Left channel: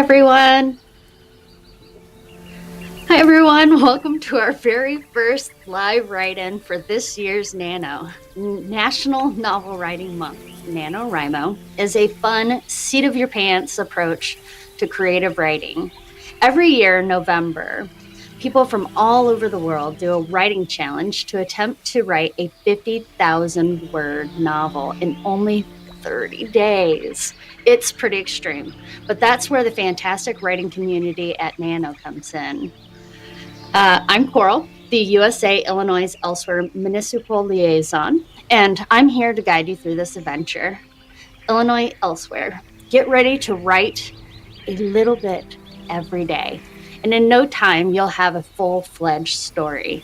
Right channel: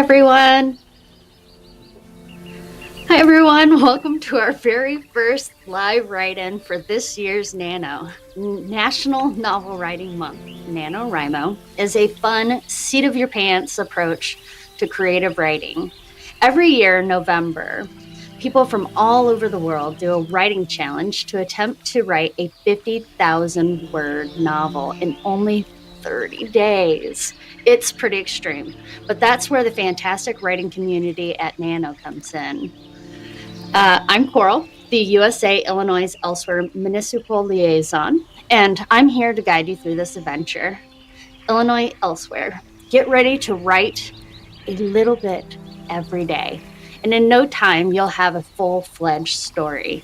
everyone. Hi everyone, welcome to our very first live write-in for this year's NaNo, National Novel Writing Month. NaNoWriMo is a fun, seat-of-your-pants approach to creative writing. Every year in November, people from all over the world do a writing challenge to attempt to write a 50,000-word novel in only 30 days. It's pretty extreme, but that's where the fantastic writing community at NaNo comes in. I'm Coral, the USA, Illinois, Elsewhere Municipal Liaison, and I'm here to guide you through this adventure. Illinois, Elsewhere. Get ready to write a little bit every day, and in no time, you'll have a full-fledged story.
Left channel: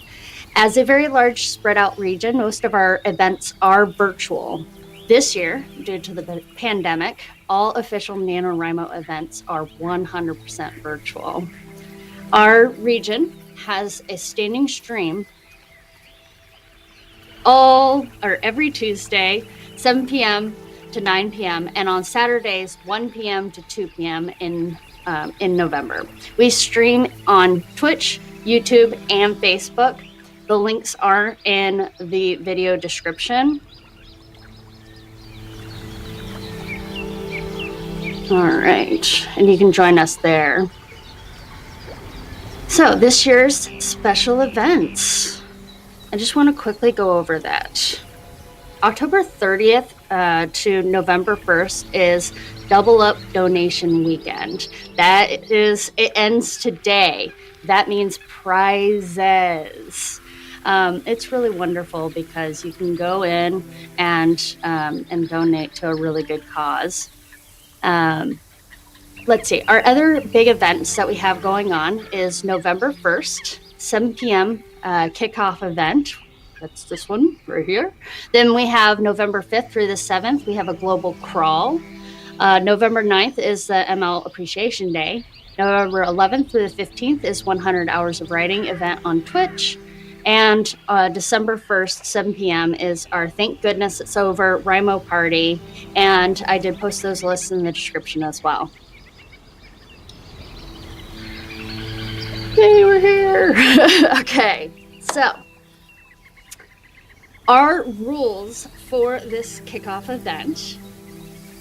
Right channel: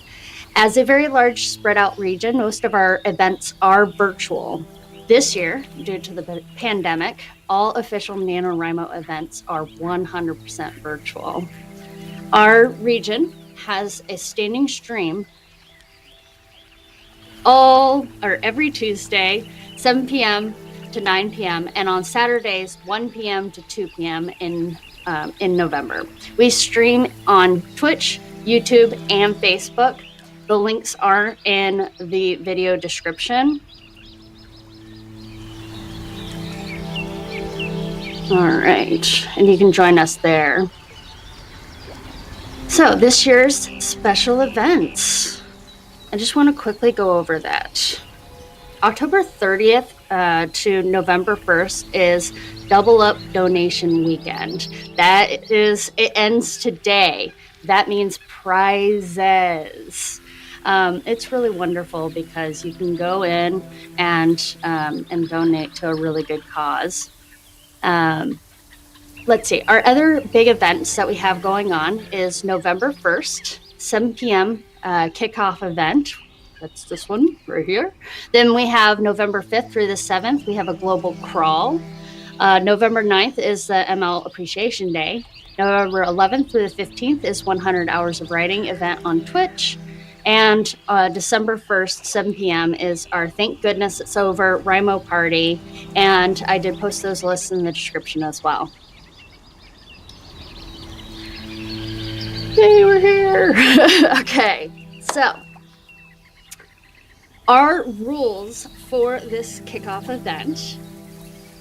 As a very large spread out region, most of our events are virtual. This year, due to the pandemic, all official NaNoWriMo events are 100% virtual. Our region has a standing stream every Tuesday, 7 p.m. to 9 p.m. and on Saturdays, 1 p.m. to 2 p.m. in November. We stream on Twitch, YouTube, and Facebook. The links are in the video description. All right, and you can join us there. So this year's special events, I just want to quickly go over that. October 30th to November 1st is Double Up Donation Weekend. It ends today. That means prizes. It's really wonderful because you can go in and donate to a really good cause. Let's see, our other big events that we have going on is November 1st, 7 p.m. Kickoff event. That's this one right here. Then we have November 5th through the 7th, we have a global crawl. November 9th is the ML Appreciation Day. November 11th through the 15th is 100 Hours of Writing event on Twitch. And December 1st, 7 p.m. is our Thank Goodness It's Over Rimo party. And I did post those lists in the description as well. Yay, we're here. Okay, so our rules for this kickoff event:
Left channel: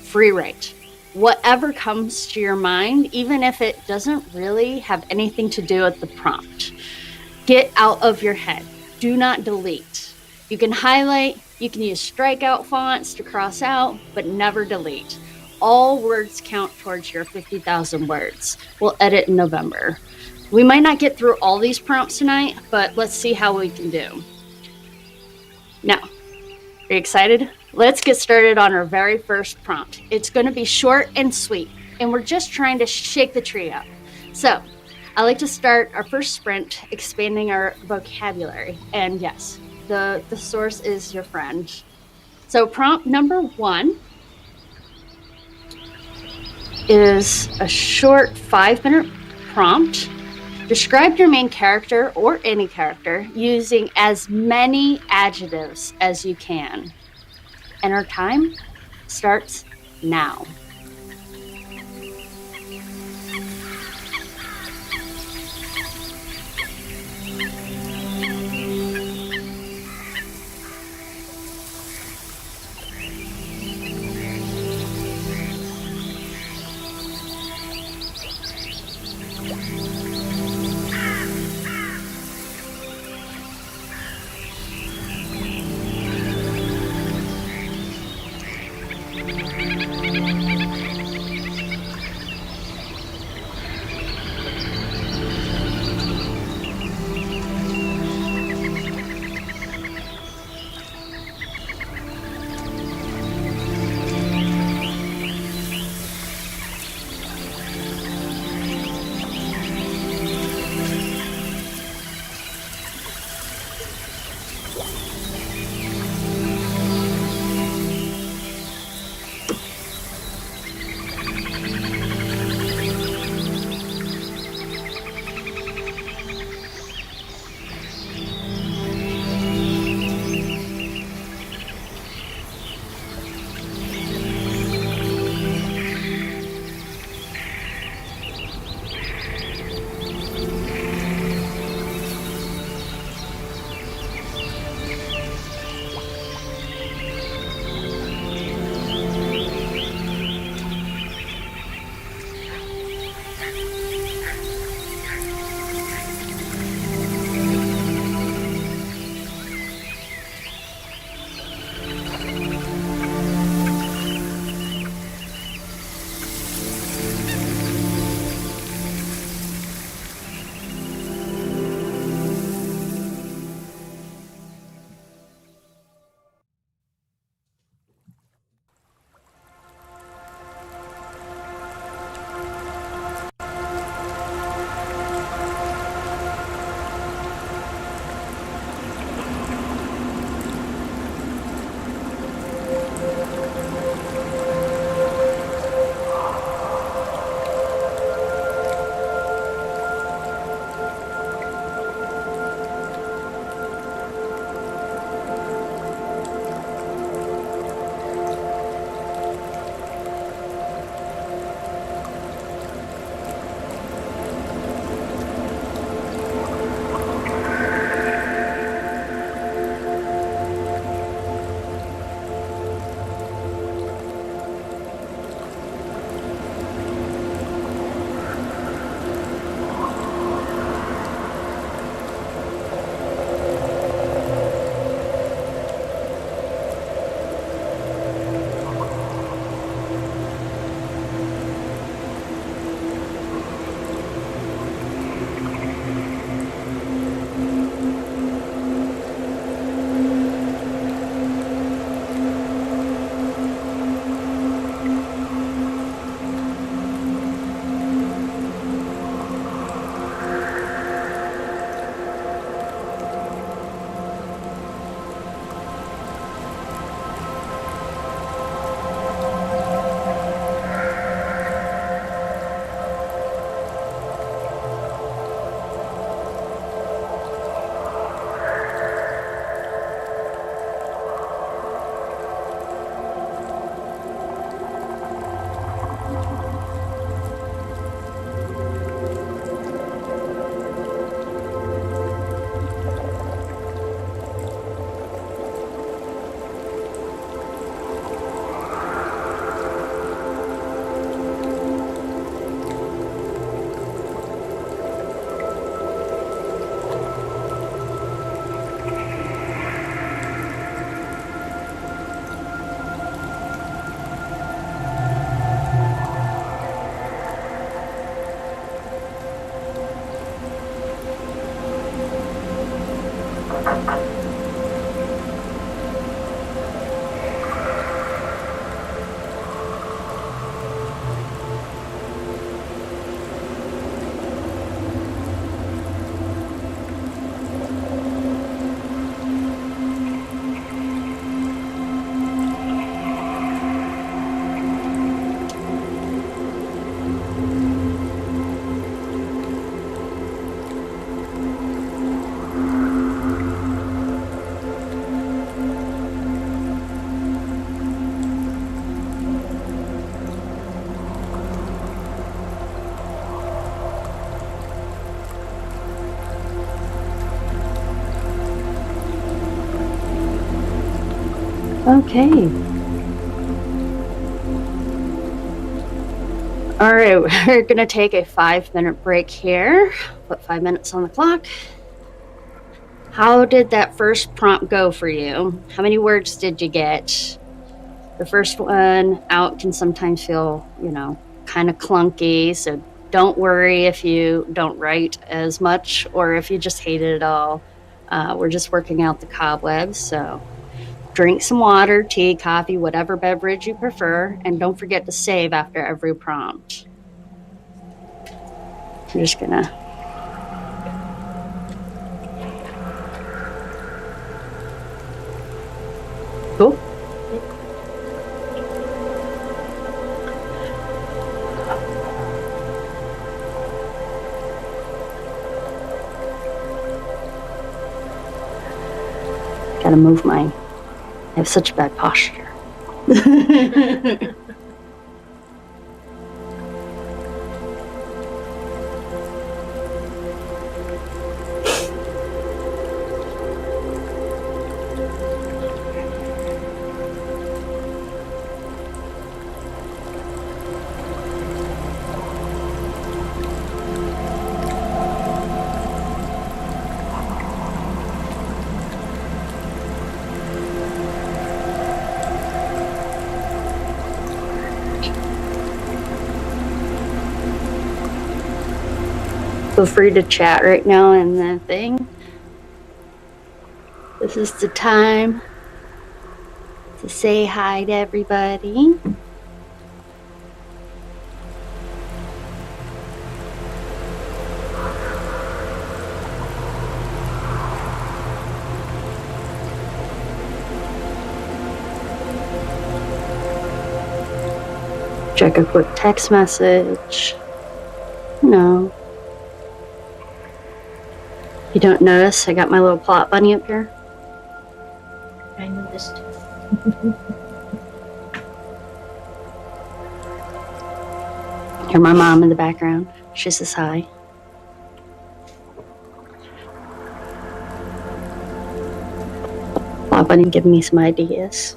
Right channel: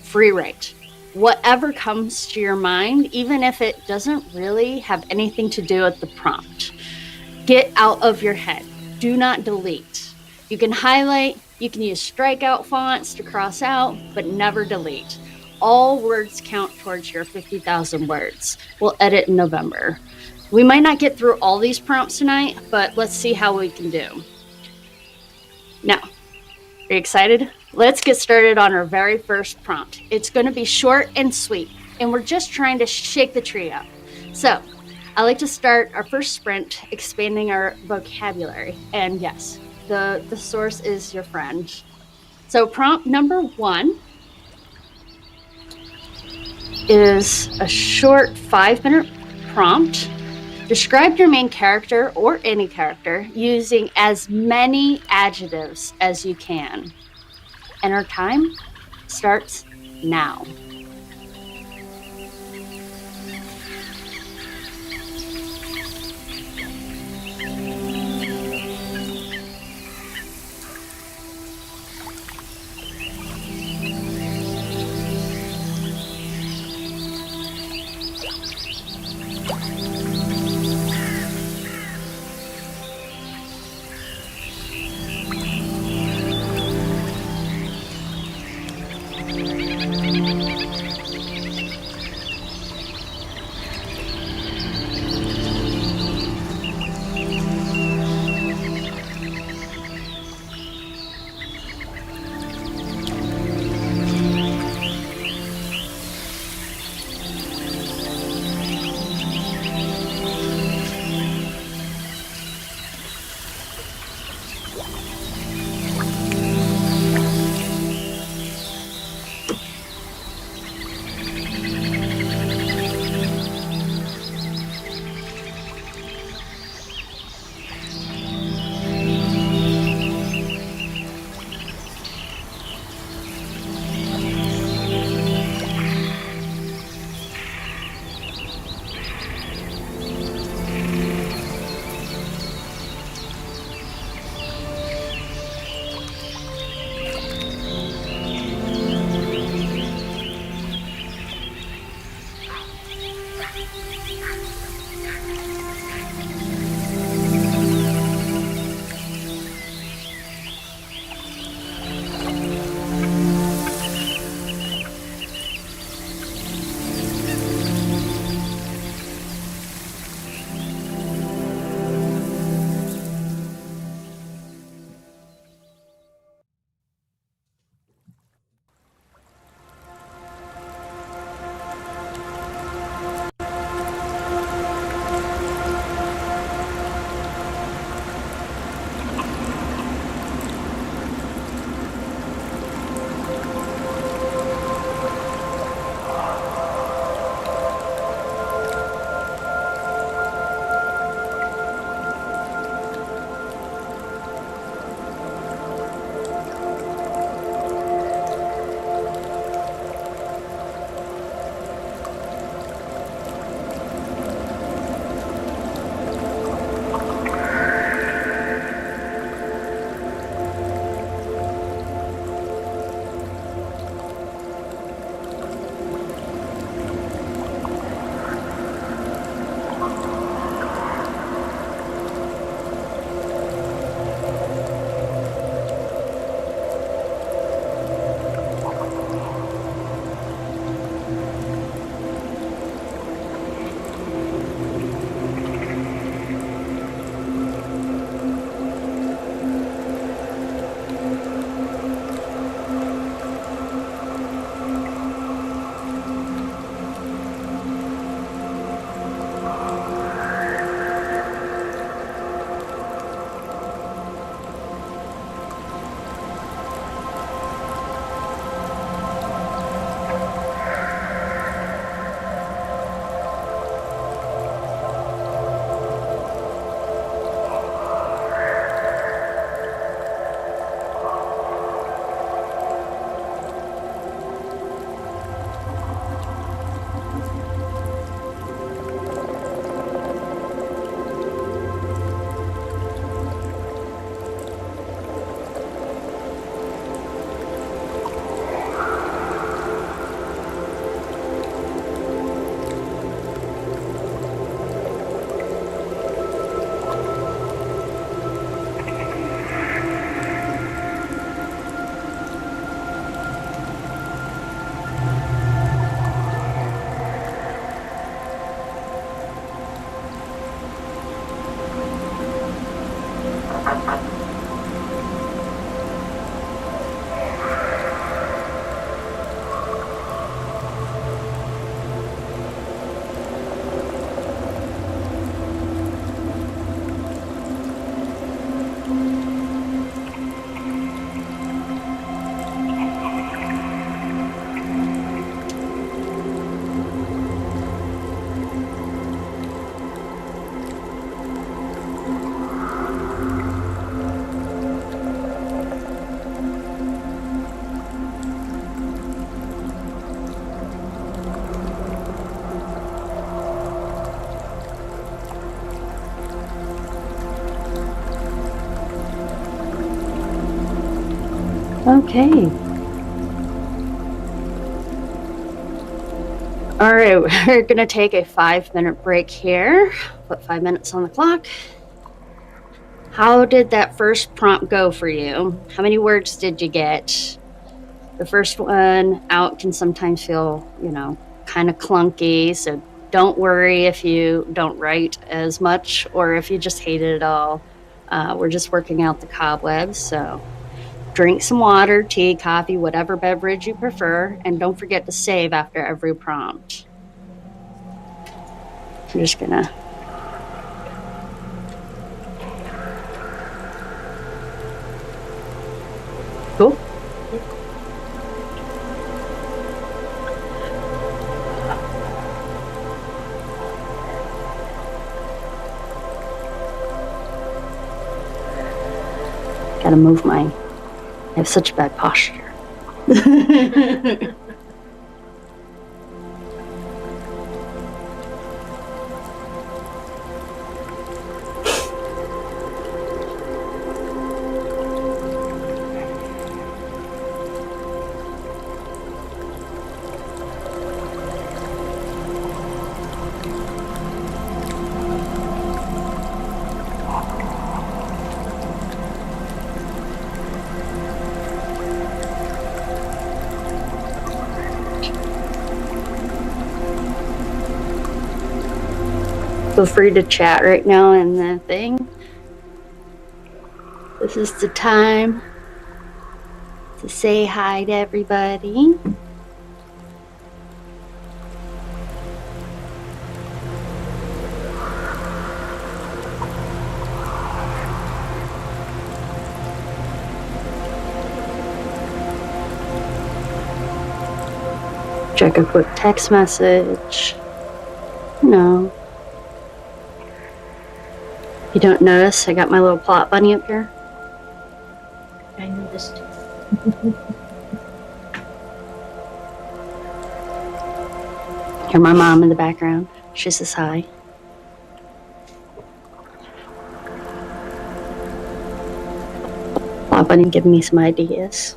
free write. Whatever comes to your mind, even if it doesn't really have anything to do with the prompt. Get out of your head. Do not delete. You can highlight, you can use strikeout fonts to cross out, but never delete. All words count towards your 50,000 words. We'll edit in November. We might not get through all these prompts tonight, but let's see how we can do. Now, are you excited? Let's get started on our very first prompt. It's going to be short and sweet, and we're just trying to shake the tree up. So, I like to start our first sprint expanding our vocabulary. And yes, the source is your friend. So prompt number 1 is a short 5-minute prompt. Describe your main character or any character using as many adjectives as you can. And our time starts now. Okay. All right, we're going to take a 5-minute break here. Put 5 minutes on the clock. How did that first prompt go for you? How many words did you get? The first one out can sometimes feel, kind of clunky. So don't worry if you don't write as much or if you just hate it at all. We're just working out the cobwebs. So drink some water, tea, coffee, whatever beverage you prefer. And don't forget to save after every prompt. I'm just going to... Cool. Gotta move I have such bad posture. Feel free to chat right now in the thing. This is the time to say hi to everybody. Check a quick text message. No. You don't notice I got my little plot bunny up here? I noticed. Hear my mom in the background. She says hi. Plot bunny giving me some ideas.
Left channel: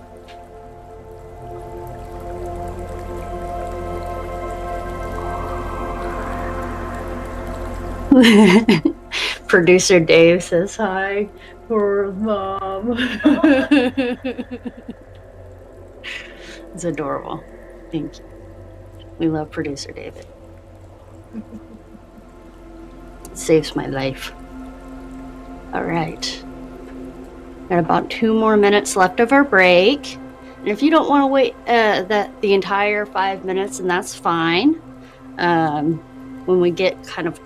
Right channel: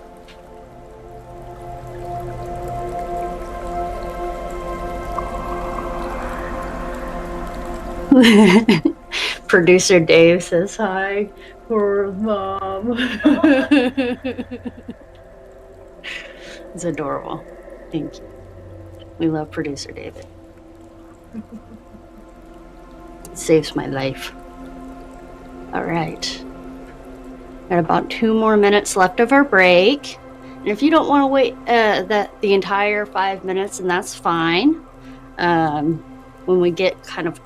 Producer Dave says hi. Poor mom. It's adorable. Thank you. We love producer David. It saves my life. All right. Got about 2 more minutes left of our break. And if you don't want to wait the entire 5 minutes, and that's fine. When we get kind of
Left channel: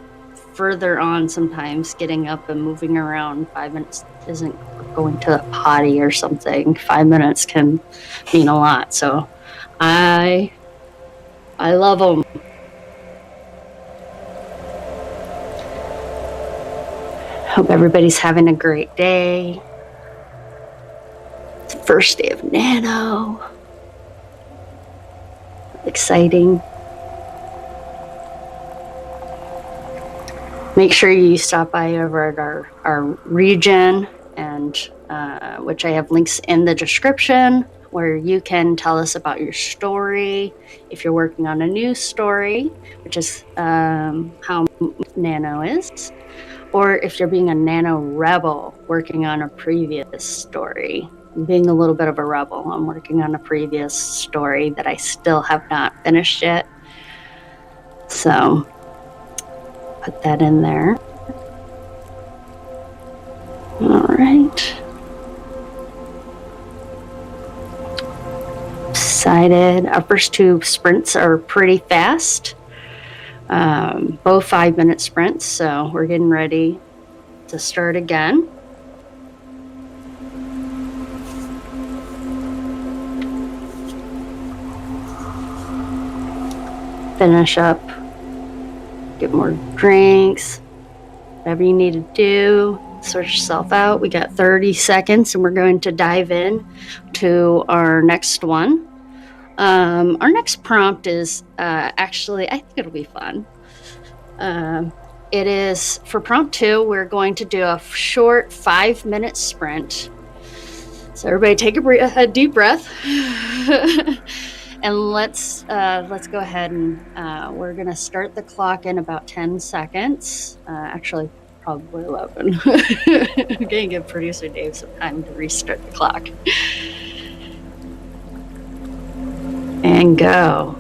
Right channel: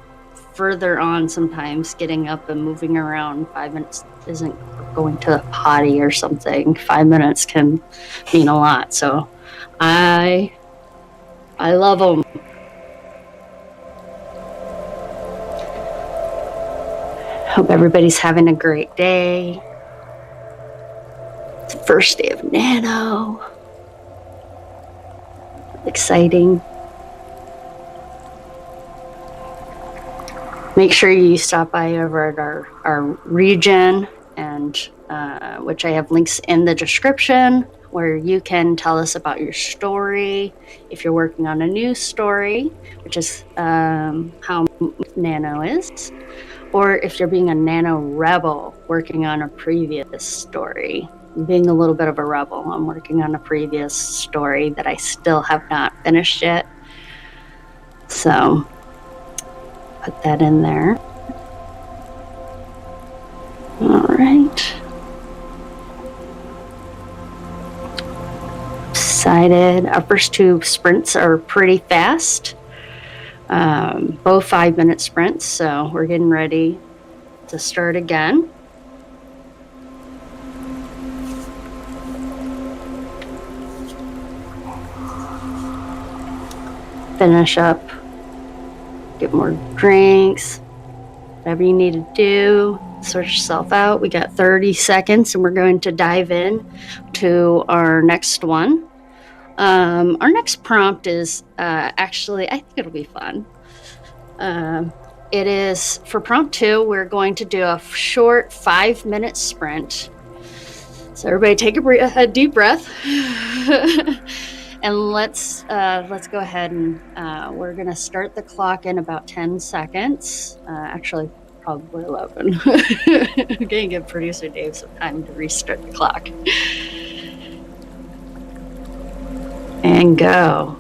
further on, sometimes getting up and moving around, 5 minutes isn't going to the potty or something. 5 minutes can mean a lot. So I love them. Hope everybody's having a great day. It's the first day of Nano. Exciting. make sure you stop by over at our region, and which I have links in the description, where you can tell us about your story. If you're working on a new story, which is how Nano is, or if you're being a Nano rebel working on a previous story. Being a little bit of a rebel, I'm working on a previous story that I still have not finished yet. So put that in there. All right. Excited. Our first 2 sprints are pretty fast. Both 5-minute sprints, so we're getting ready to start again. Finish up, get more drinks, whatever you need to do, sort yourself out. We got 30 seconds and we're going to dive in to our next one. Our next prompt is actually, I think it'll be fun. It is for prompt 2, we're going to do a short 5-minute sprint. So everybody take a deep breath. And let's go ahead and we're going to start the clock in about 10 seconds. Actually, probably 11. I'm going to give producer Dave some time to restart the clock. And go.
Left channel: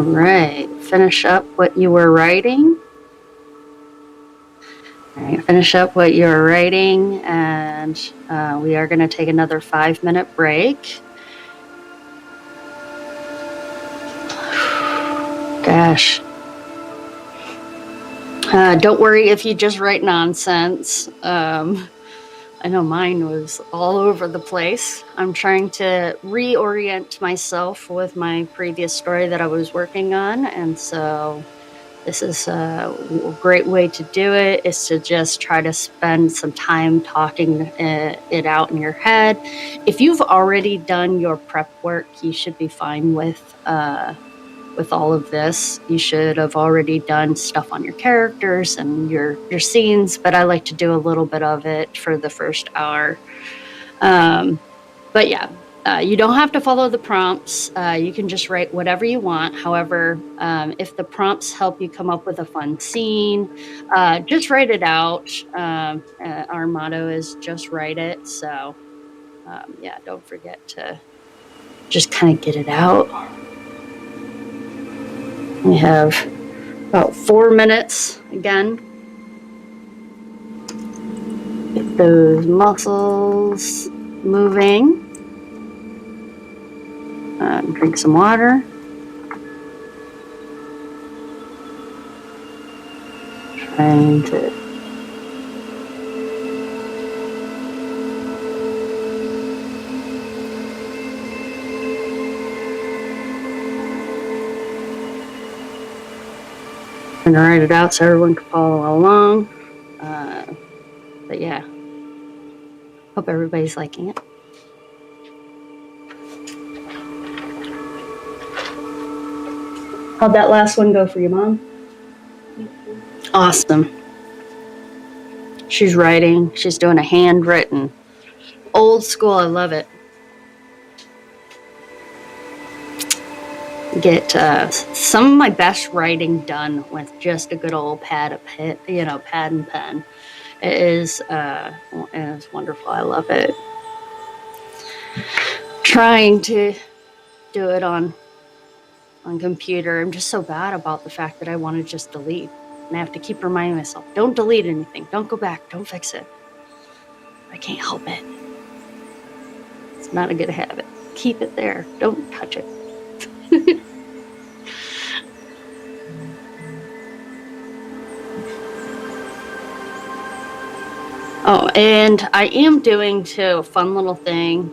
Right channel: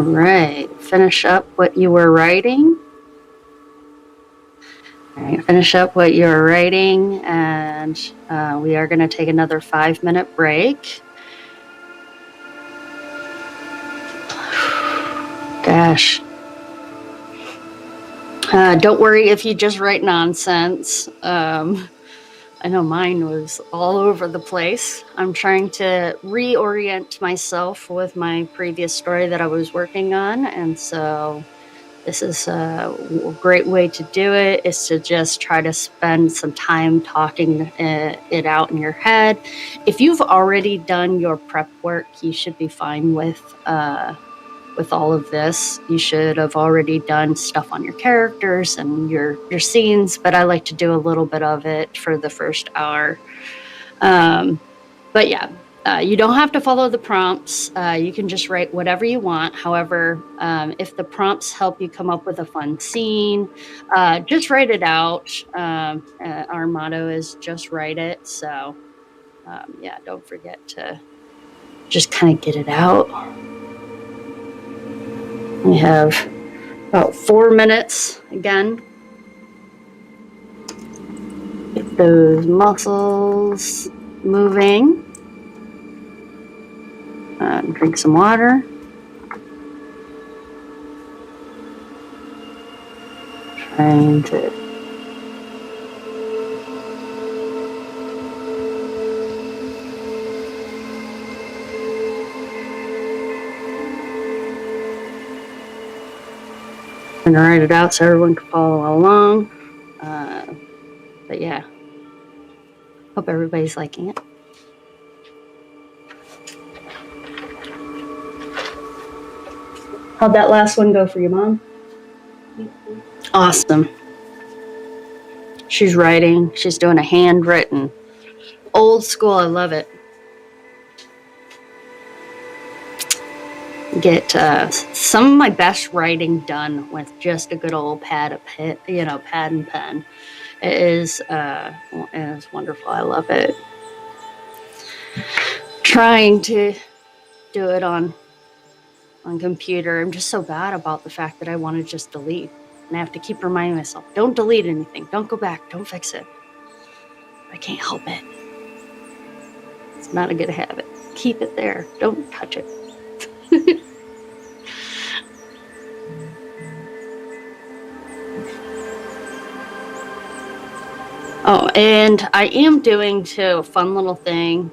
All right, finish up what you were writing. All right, finish up what you were writing, and we are going to take another 5-minute break. Gosh. Don't worry if you just write nonsense. I know mine was all over the place. I'm trying to reorient myself with my previous story that I was working on, and so this is a great way to do it, is to just try to spend some time talking it out in your head. If you've already done your prep work, you should be fine with all of this. You should have already done stuff on your characters and your scenes, but I like to do a little bit of it for the first hour. But yeah, you don't have to follow the prompts. You can just write whatever you want. However, if the prompts help you come up with a fun scene, just write it out. Our motto is just write it. So yeah, don't forget to just kind of get it out. We have about 4 minutes again. Get those muscles moving. Drink some water. Trying to write it out so everyone can follow along. But yeah, hope everybody's liking it. How'd that last one go for you, Mom? Awesome. She's writing. She's doing a handwritten. Old school. I love it. Get some of my best writing done with just a good old pad and pen. It is wonderful. I love it. Trying to do it on computer. I'm just so bad about the fact that I want to just delete. And I have to keep reminding myself, don't delete anything. Don't go back. Don't fix it. I can't help it. It's not a good habit. Keep it there. Don't touch it. Oh, and I am doing too a fun little thing.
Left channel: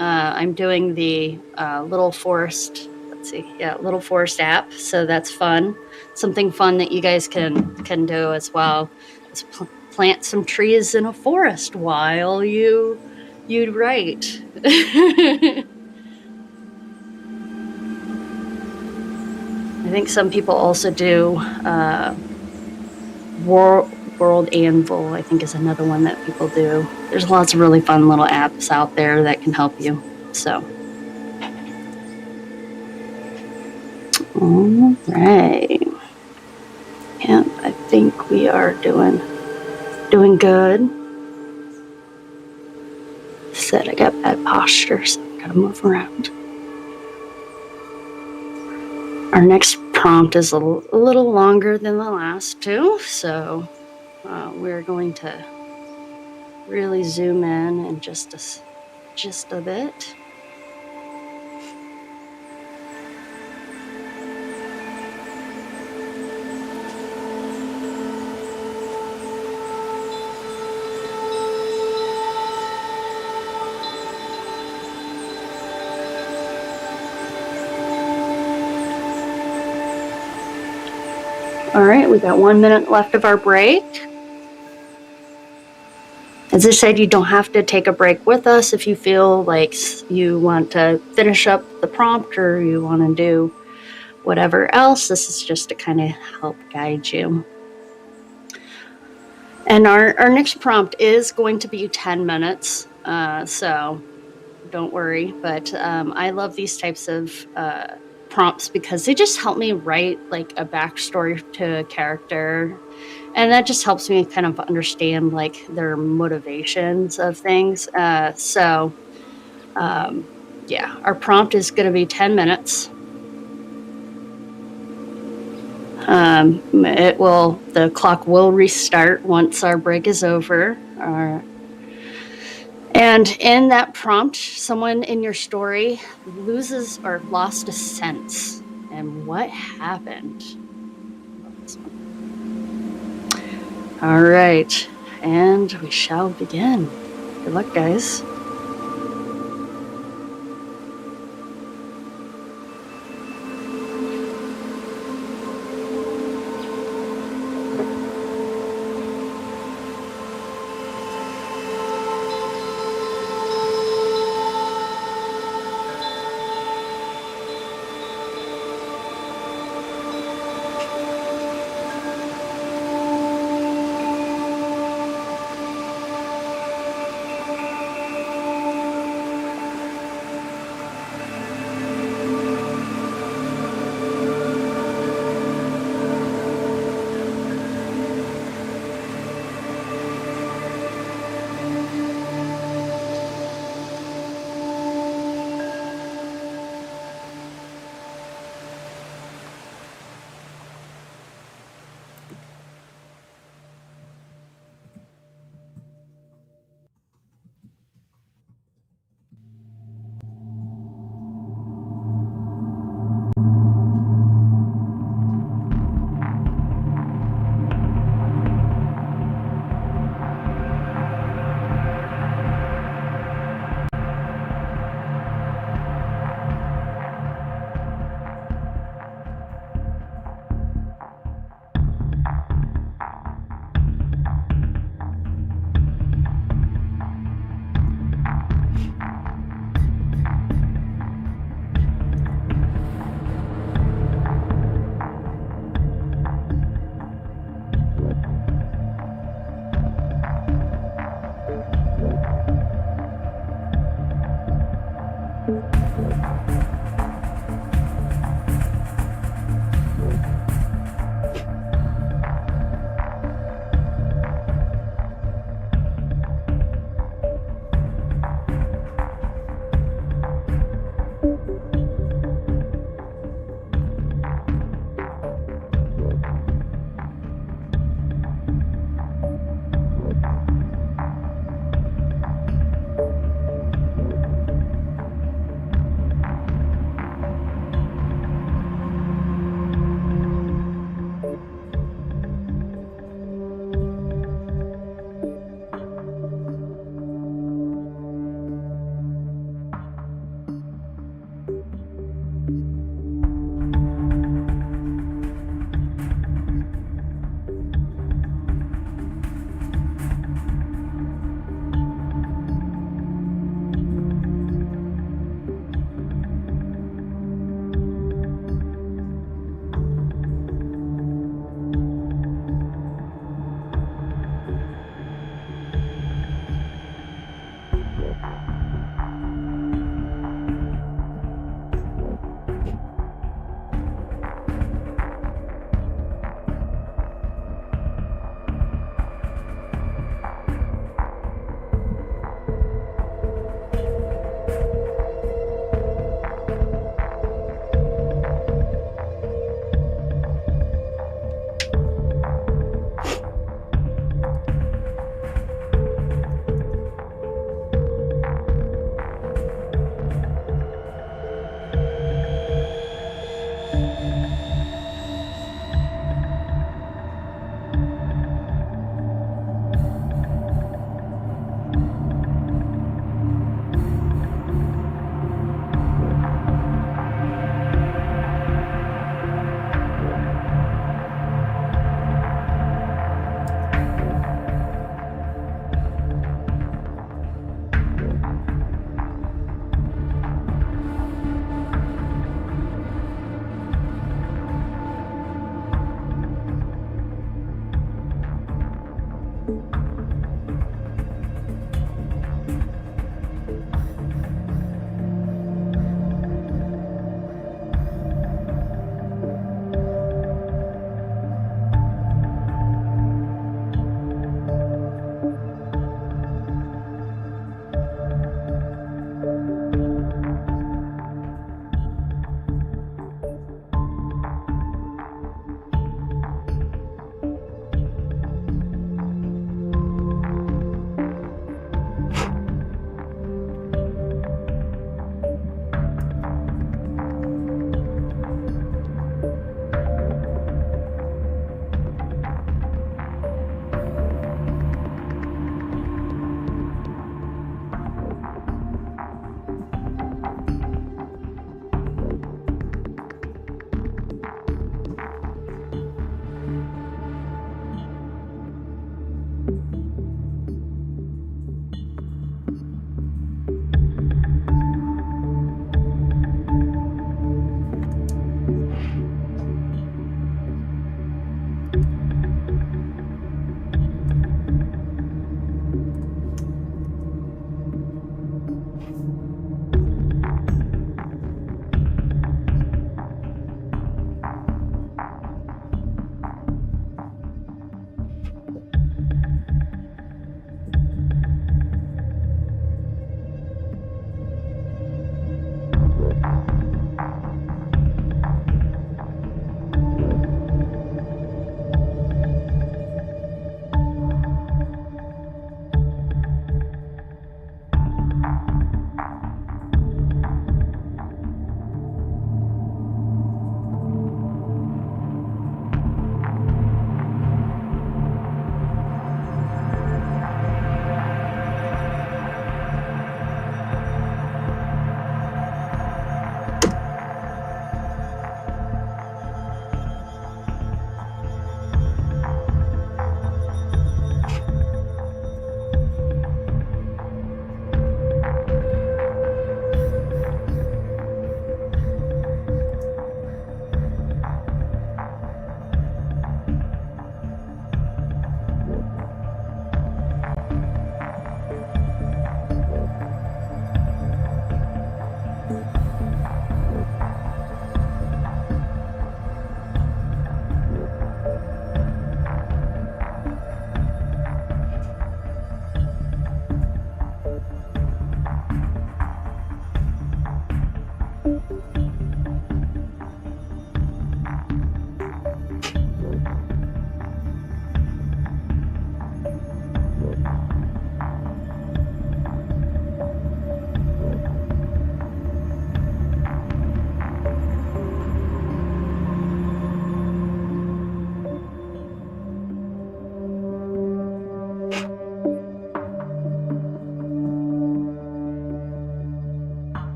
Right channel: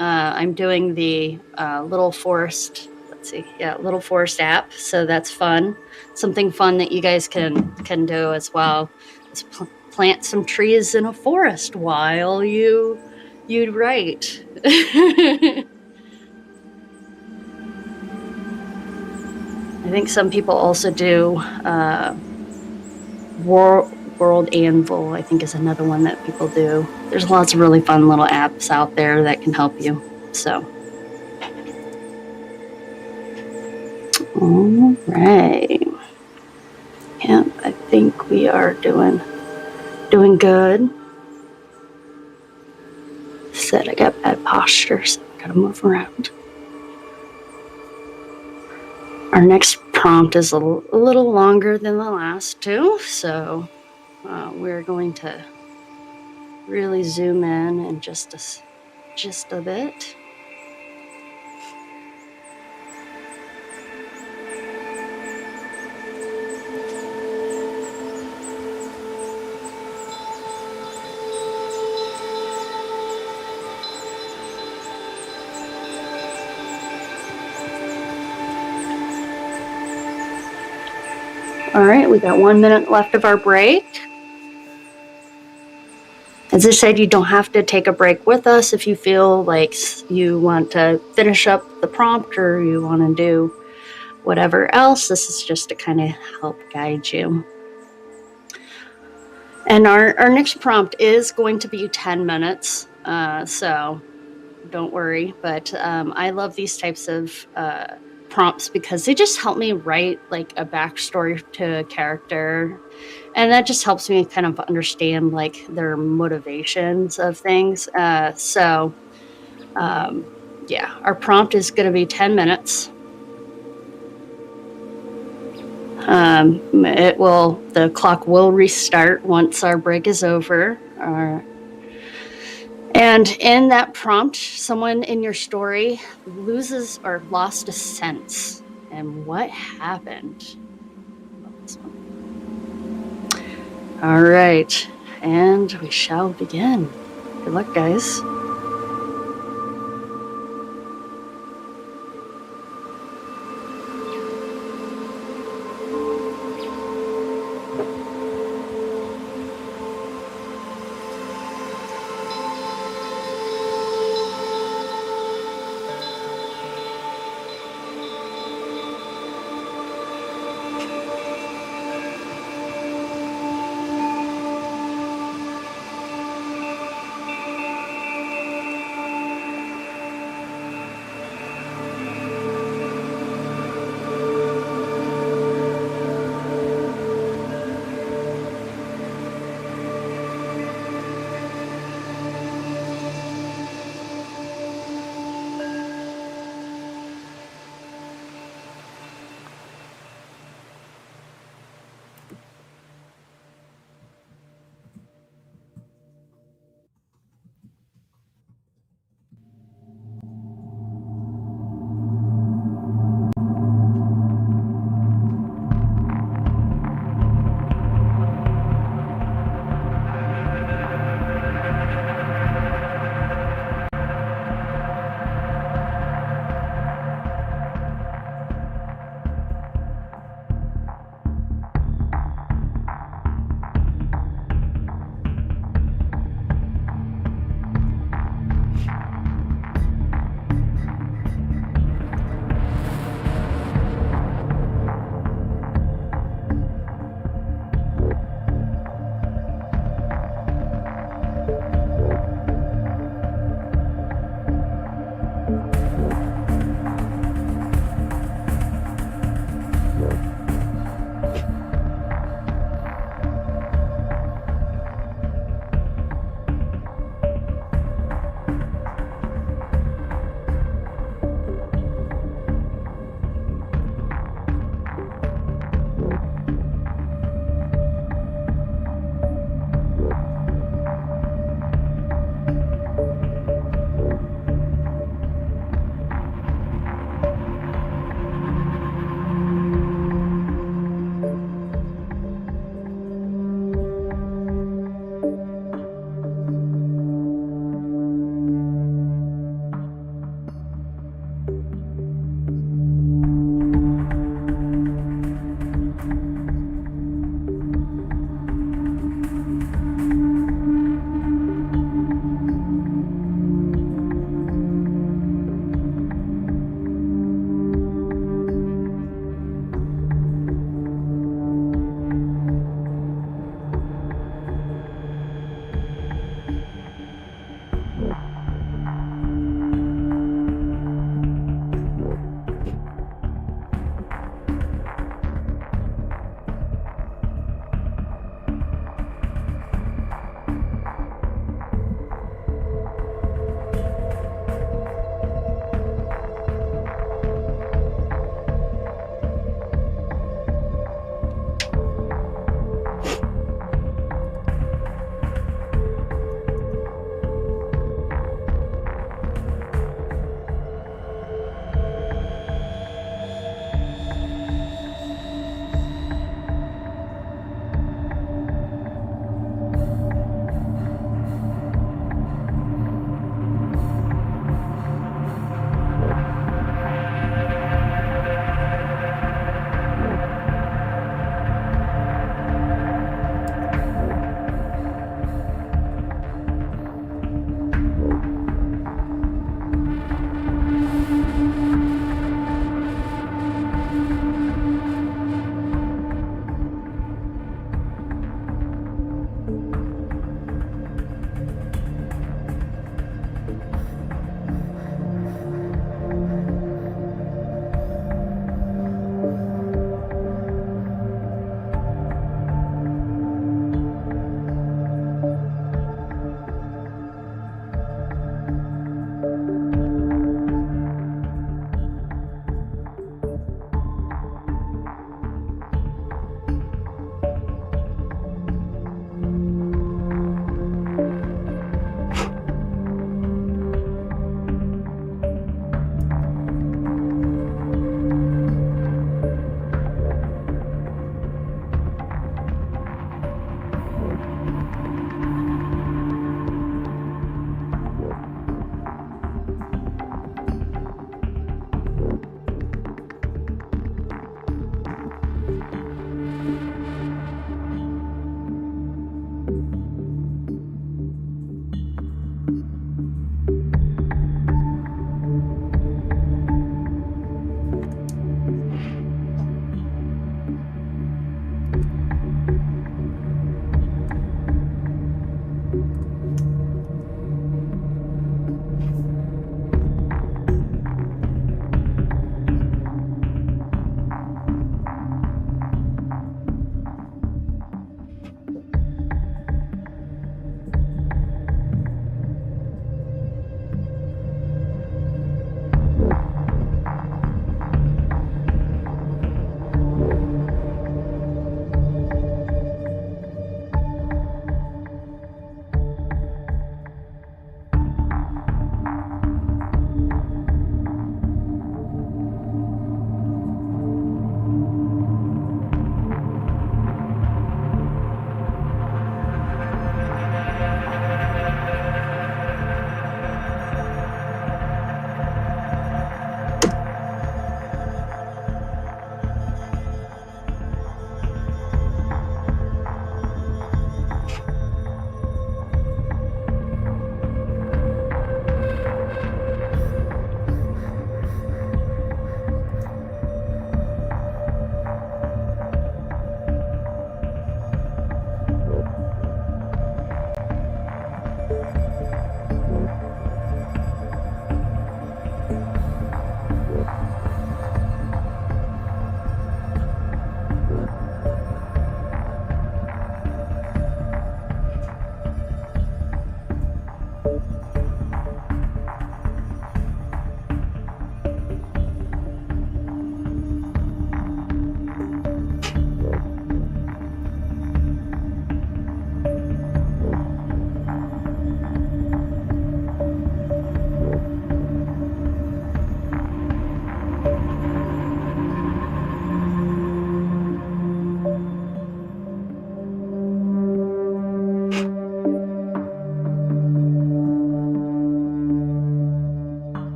I'm doing the Little Forest. Let's see, yeah, Little Forest app. So that's fun. Something fun that you guys can do as well is plant some trees in a forest while you write. I think some people also do World Anvil, I think, is another one that people do. There's lots of really fun little apps out there that can help you. So, all right. Yeah, I think we are doing good. Said I got bad posture, so I gotta move around. Our next prompt is a little longer than the last two, so we're going to really zoom in just a bit. All right, we got 1 minute left of our break. As I said, you don't have to take a break with us if you feel like you want to finish up the prompt or you want to do whatever else. This is just to kind of help guide you. And our next prompt is going to be 10 minutes, so don't worry. But I love these types of prompts because they just help me write like a backstory to a character, and that just helps me kind of understand like their motivations of things. Yeah, our prompt is going to be 10 minutes. The clock will restart once our break is over. And in that prompt, someone in your story loses or lost a sense. And what happened? All right, and we shall begin. Good luck, guys.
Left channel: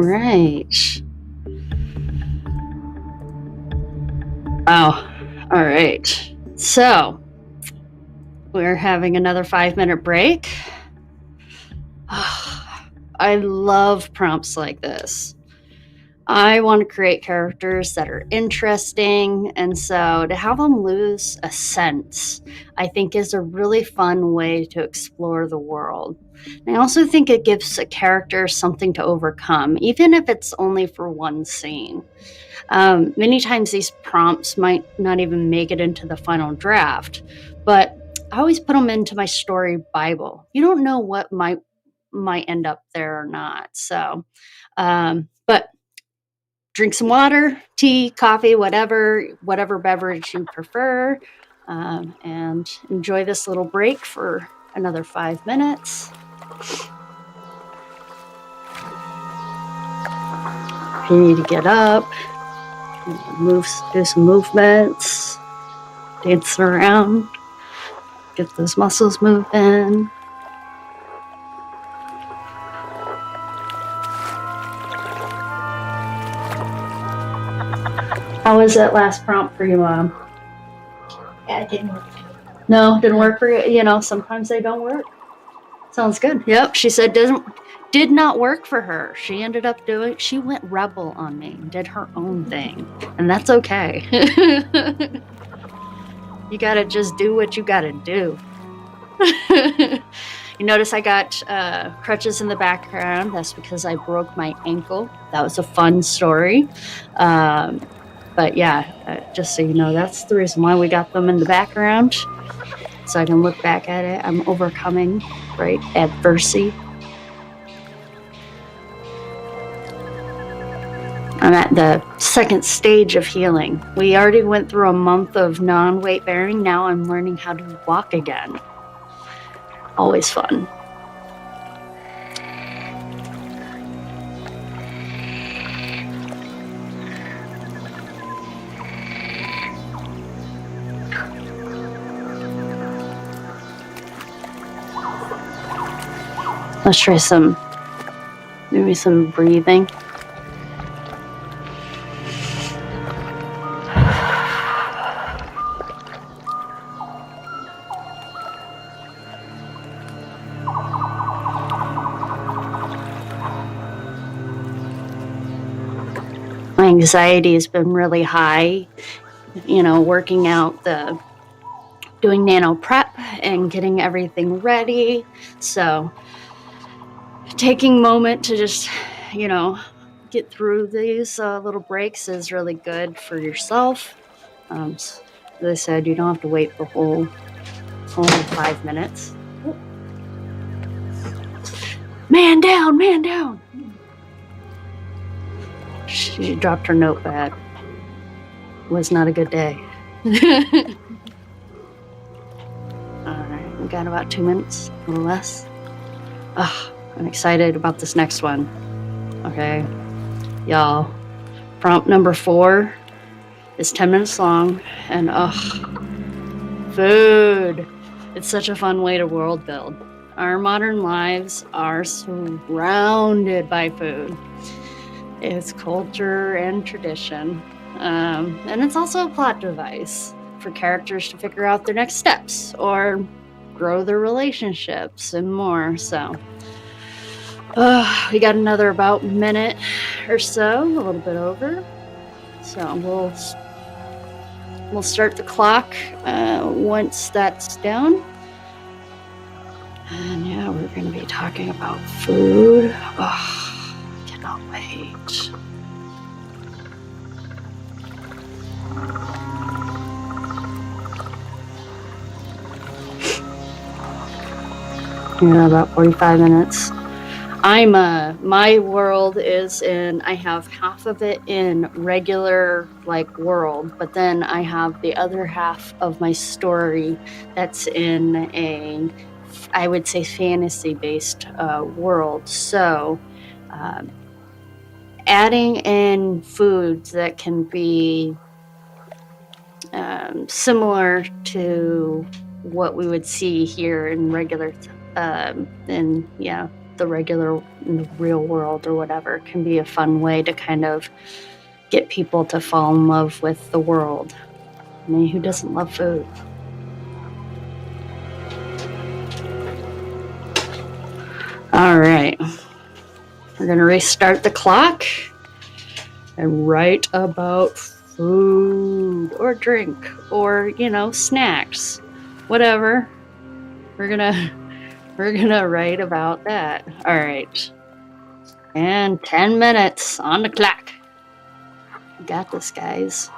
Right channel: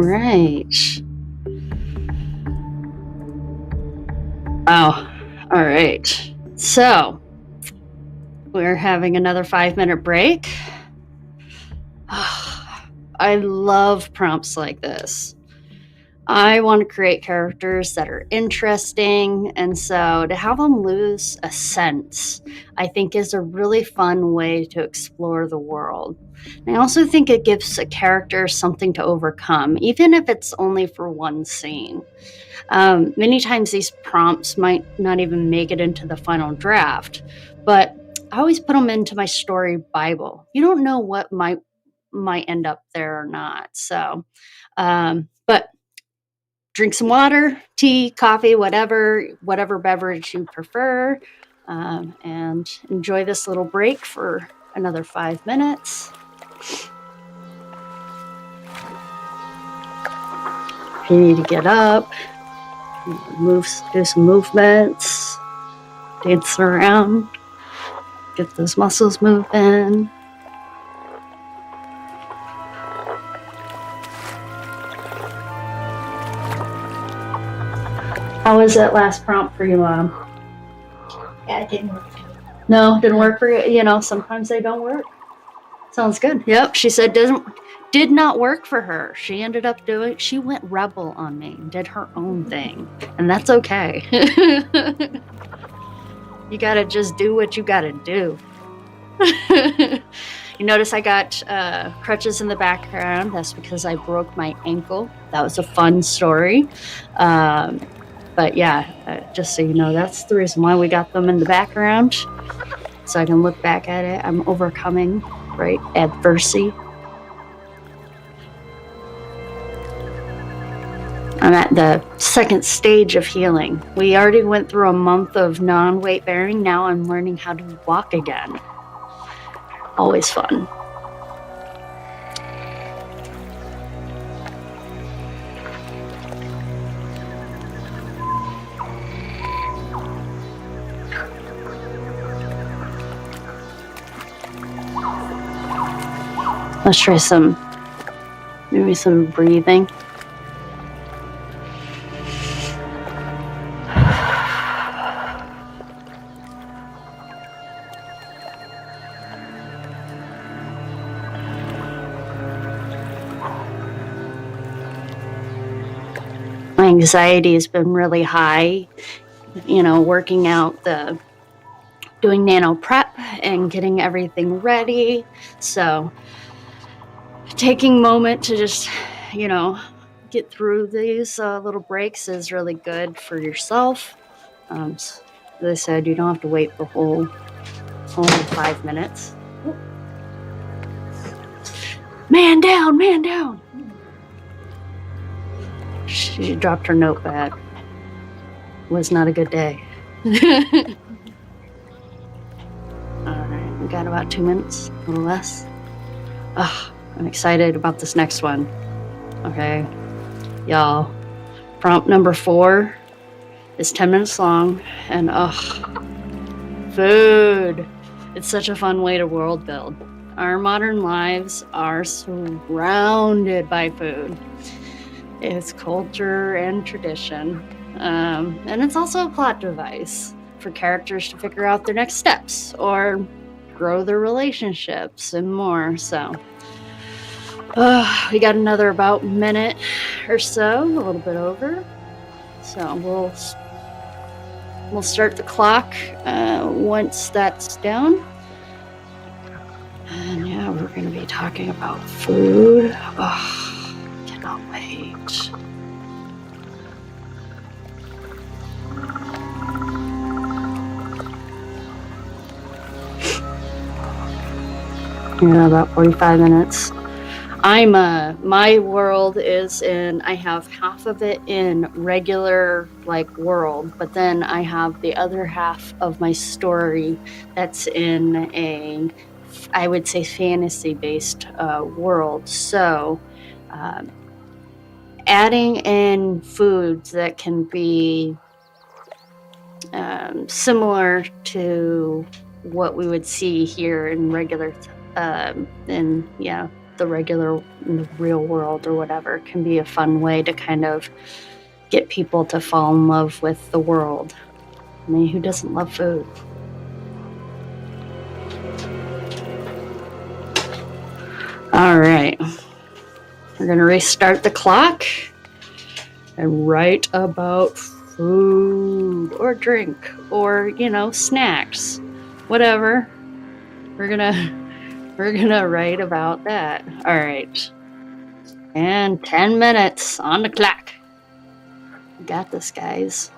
right. Wow. All right. So we're having another 5-minute break. I love prompts like this. I want to create characters that are interesting, and so to have them lose a sense, I think is a really fun way to explore the world. And I also think it gives a character something to overcome, even if it's only for one scene. Many times these prompts might not even make it into the final draft, but I always put them into my story Bible. You don't know what might end up there or not. So, but drink some water, tea, coffee, whatever beverage you prefer, and enjoy this little break for another 5 minutes. If you need to get up, do some movements, dance around, get those muscles moving. How was that last prompt for you, Mom? Yeah, it didn't work for me. No, didn't work for you. You know, sometimes they don't work. Sounds good. Yep, she said did not work for her. She ended up she went rebel on me, did her own thing, and that's okay. You gotta just do what you gotta do. You notice I got crutches in the background. That's because I broke my ankle. That was a fun story. But yeah, just so you know, that's the reason why we got them in the background. So I can look back at it. I'm overcoming, right, adversity. I'm at the second stage of healing. We already went through a month of non-weight bearing. Now I'm learning how to walk again. Always fun. Let's try maybe some breathing. My anxiety has been really high, working out doing nano prep and getting everything ready. So taking a moment to just, get through these little breaks is really good for yourself. As I said, you don't have to wait the whole 5 minutes. Man down, man down. She dropped her notepad. Was not a good day. All right, we got about 2 minutes, a little less. I'm excited about this next one. Okay, y'all. Prompt number 4 is 10 minutes long, and food. It's such a fun way to world build. Our modern lives are surrounded by food. It's culture and tradition. And it's also a plot device for characters to figure out their next steps or grow their relationships and more. So we got another about minute or so, a little bit over. So we'll start the clock once that's down. And yeah, we're going to be talking about food. Cannot wait. Yeah, about 45 minutes. My world is I have half of it in regular world, but then I have the other half of my story that's in I would say fantasy-based world. So adding in foods that can be similar to what we would see here in regular the real world or whatever can be a fun way to kind of get people to fall in love with the world. I mean, who doesn't love food? All right. We're going to restart the clock and write about food or drink or, snacks, whatever. We're gonna write about that. All right. And 10 minutes on the clock. Got this, guys.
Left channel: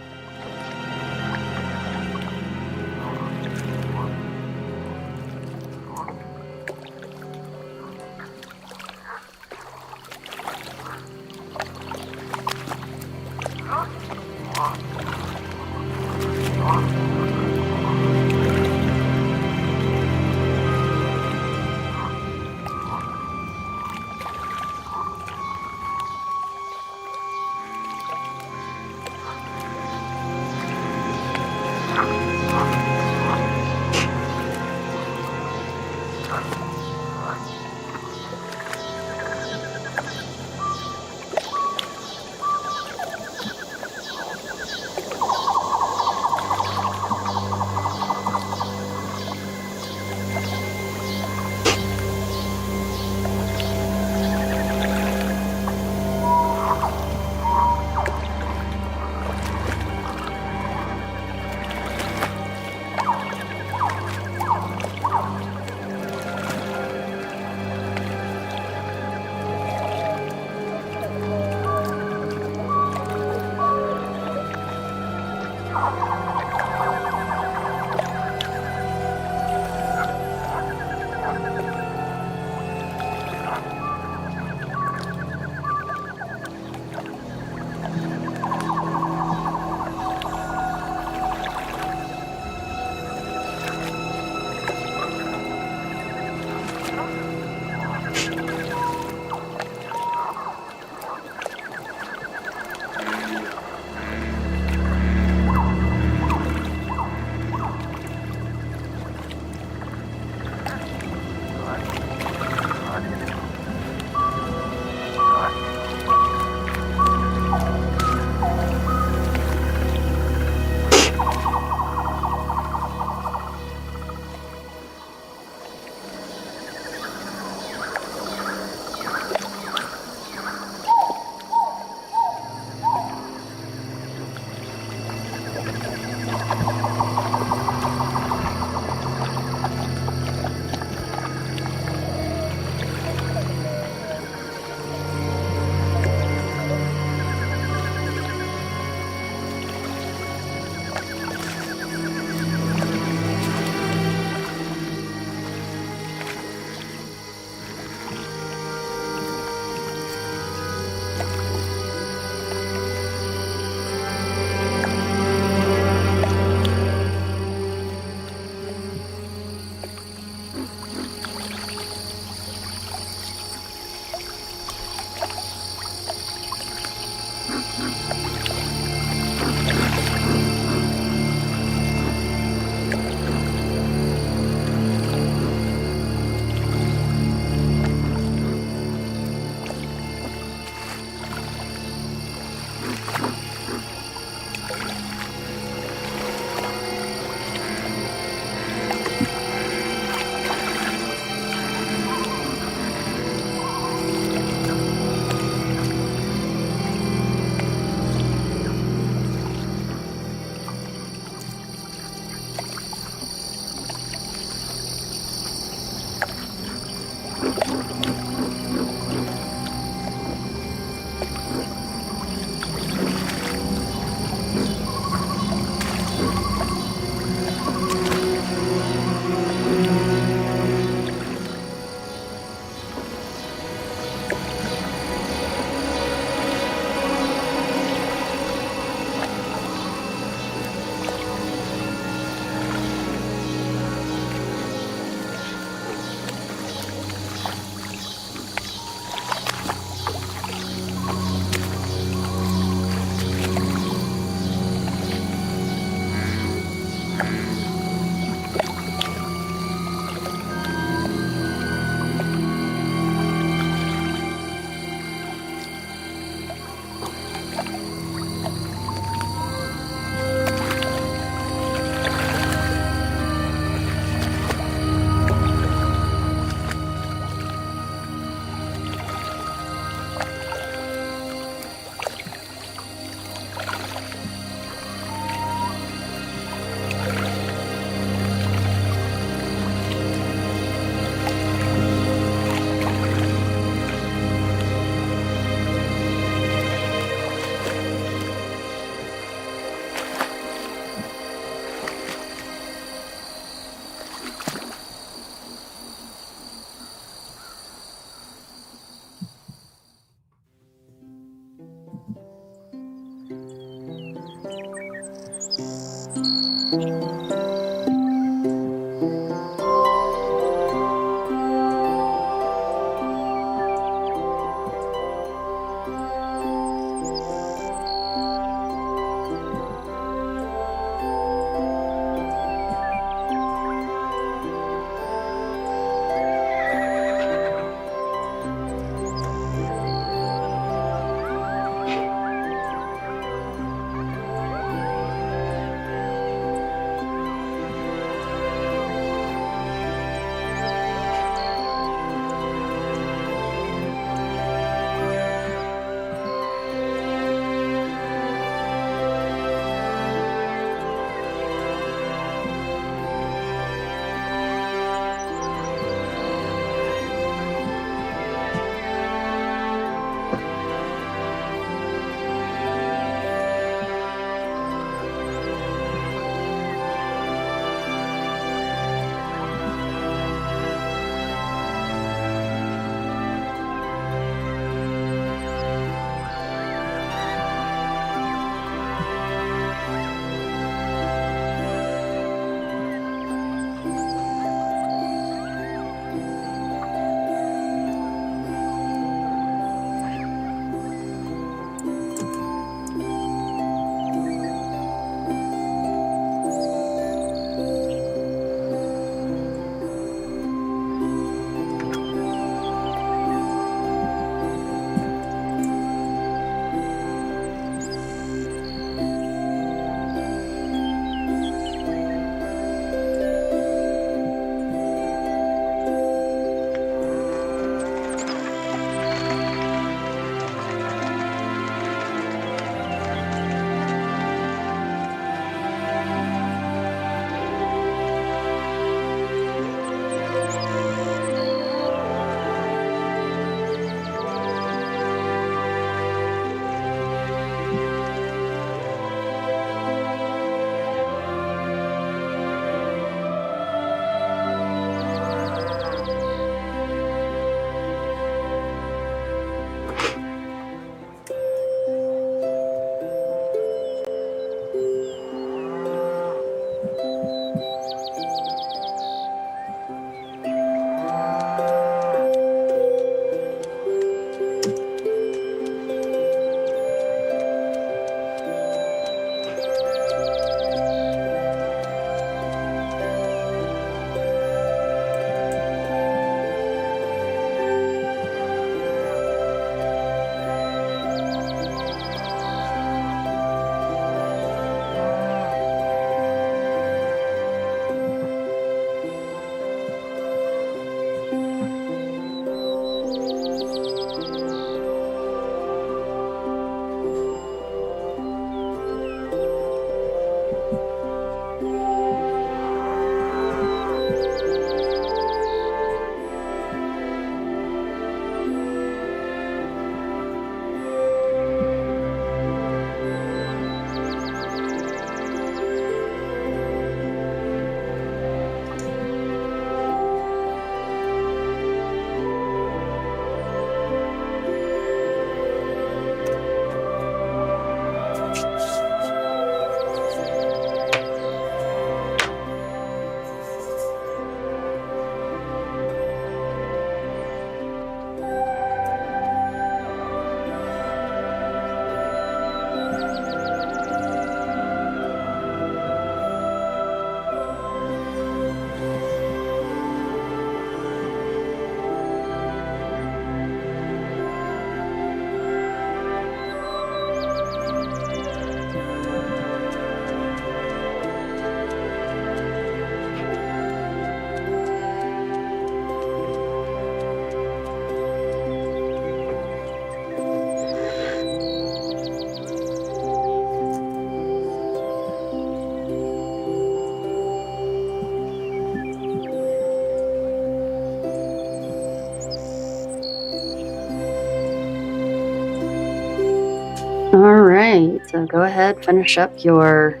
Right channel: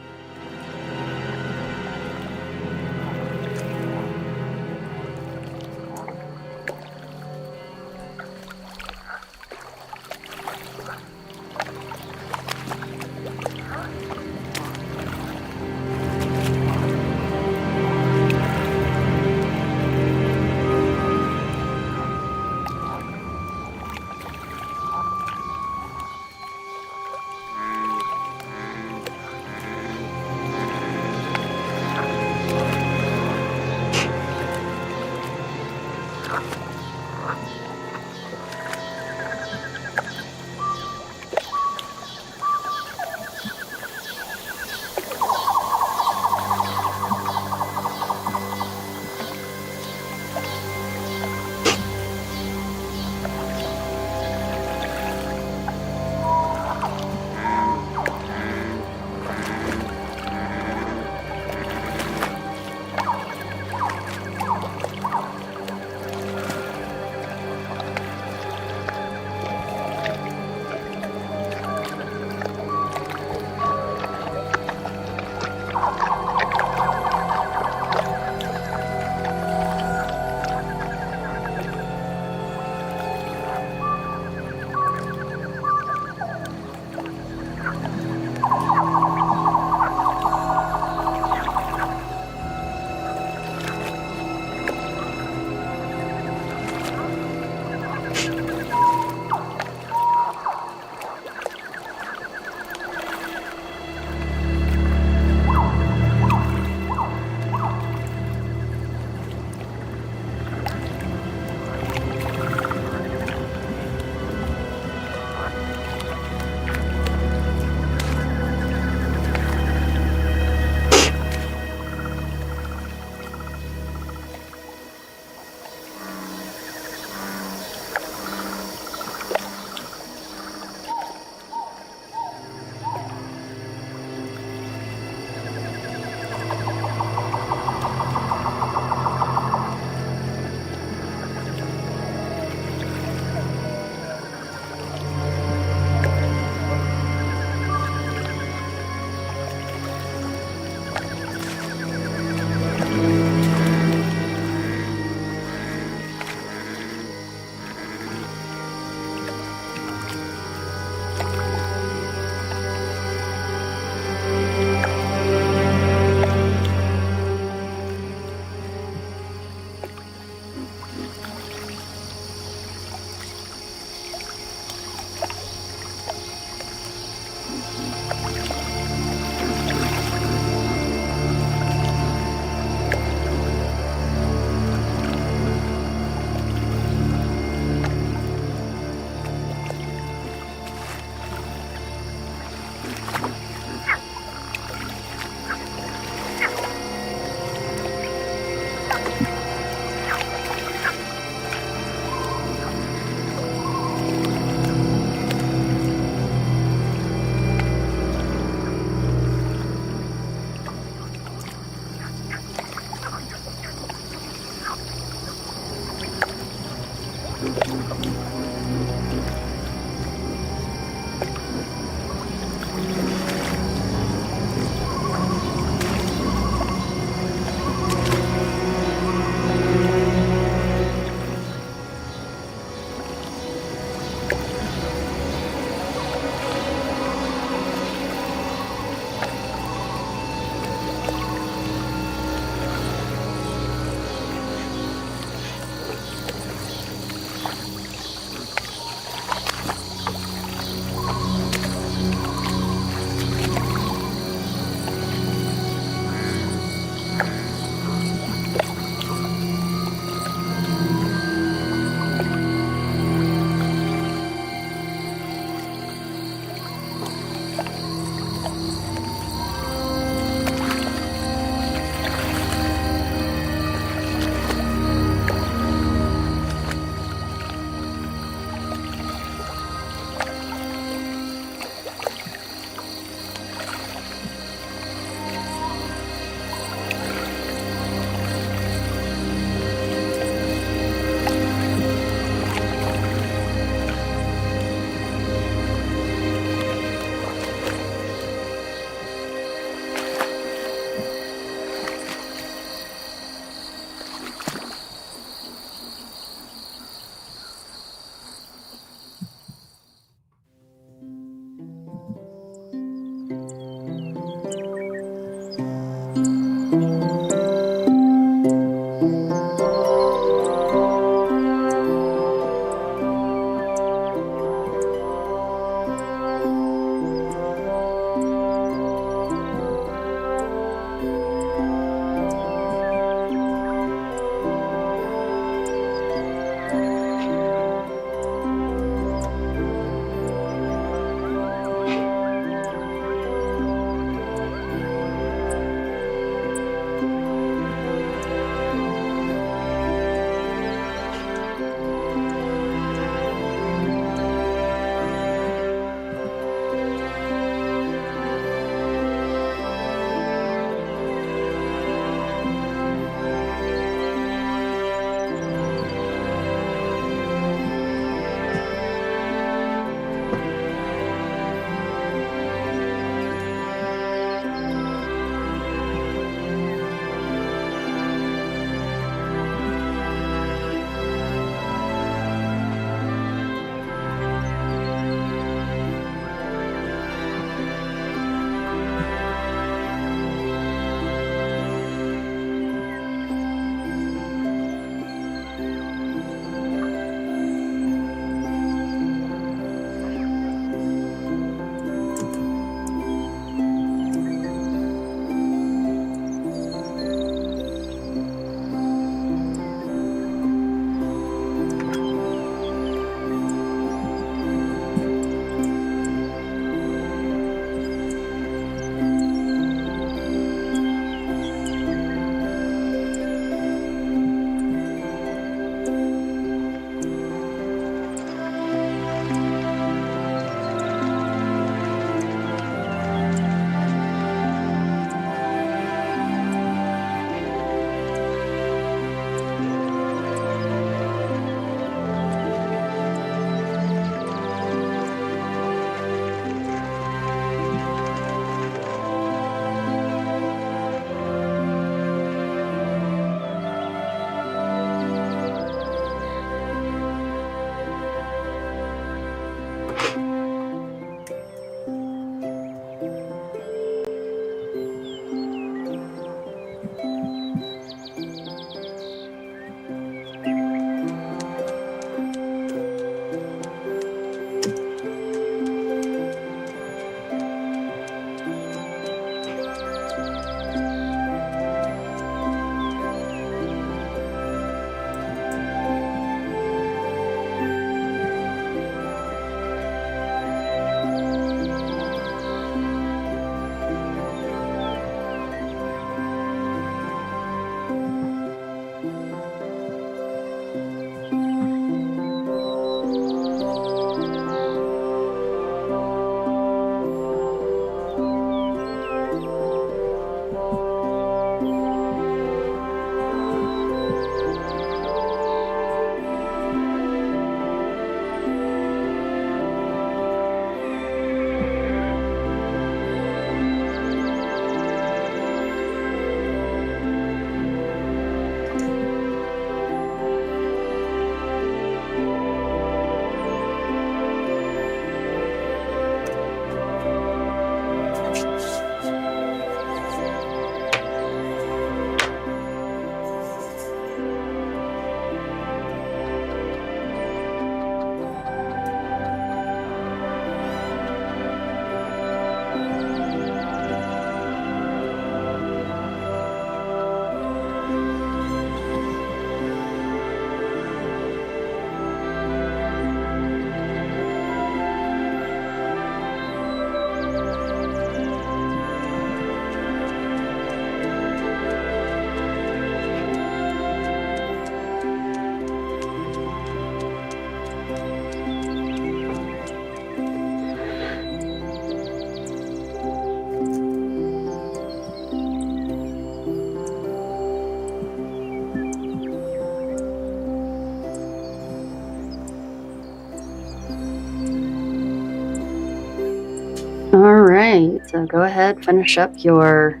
All right, so go ahead, finish up your,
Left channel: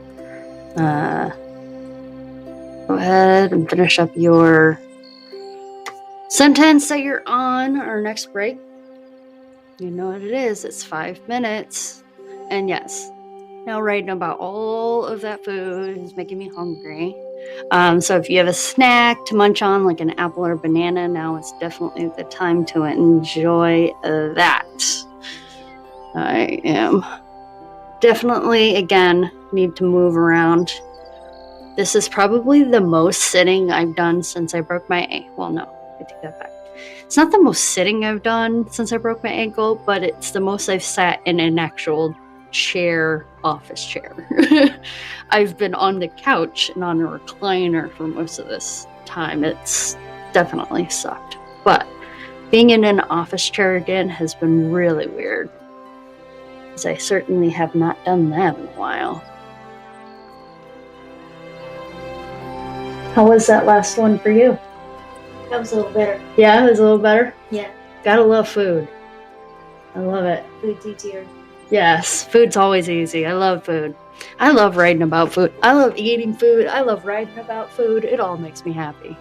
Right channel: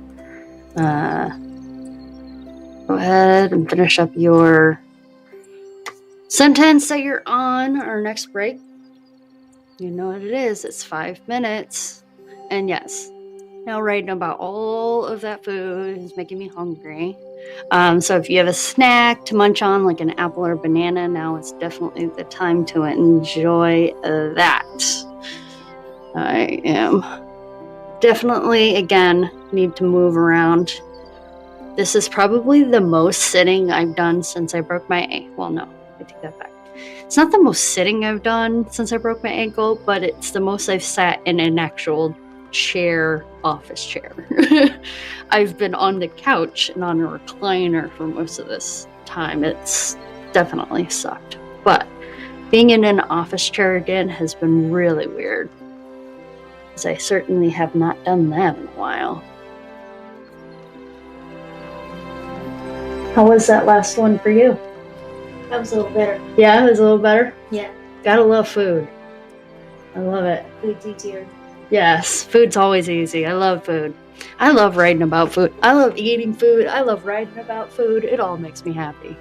sentence that you're on our next break. You know what it is, it's 5 minutes. And yes, now writing about all of that food is making me hungry. So if you have a snack to munch on, like an apple or banana, now it's definitely the time to enjoy that. I am definitely, again, need to move around. This is probably the most sitting I've done since I broke my ankle. Well, no, I take that back. It's not the most sitting I've done since I broke my ankle, but it's the most I've sat in an actual chair, office chair. I've been on the couch and on a recliner for most of this time. It's definitely sucked. But being in an office chair again has been really weird, because I certainly have not done that in a while. How was that last one for you? That was a little better. Yeah, it was a little better? Yeah. Gotta love food. I love it. Food's easier. Yes, food's always easy. I love food. I love writing about food. I love eating food. I love writing about food. It all makes me happy.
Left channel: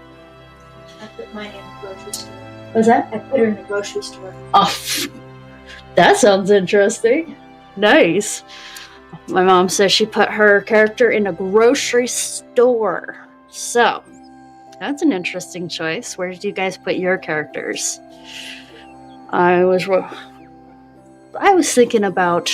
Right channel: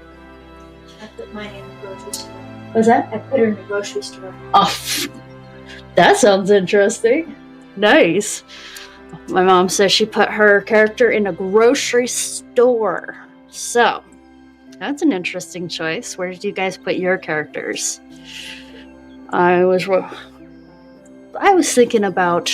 I put mine in the grocery store. What's that? I put her in the grocery store. Oh, that sounds interesting. Nice. My mom says she put her character in a grocery store. So, that's an interesting choice. Where did you guys put your characters? I was thinking about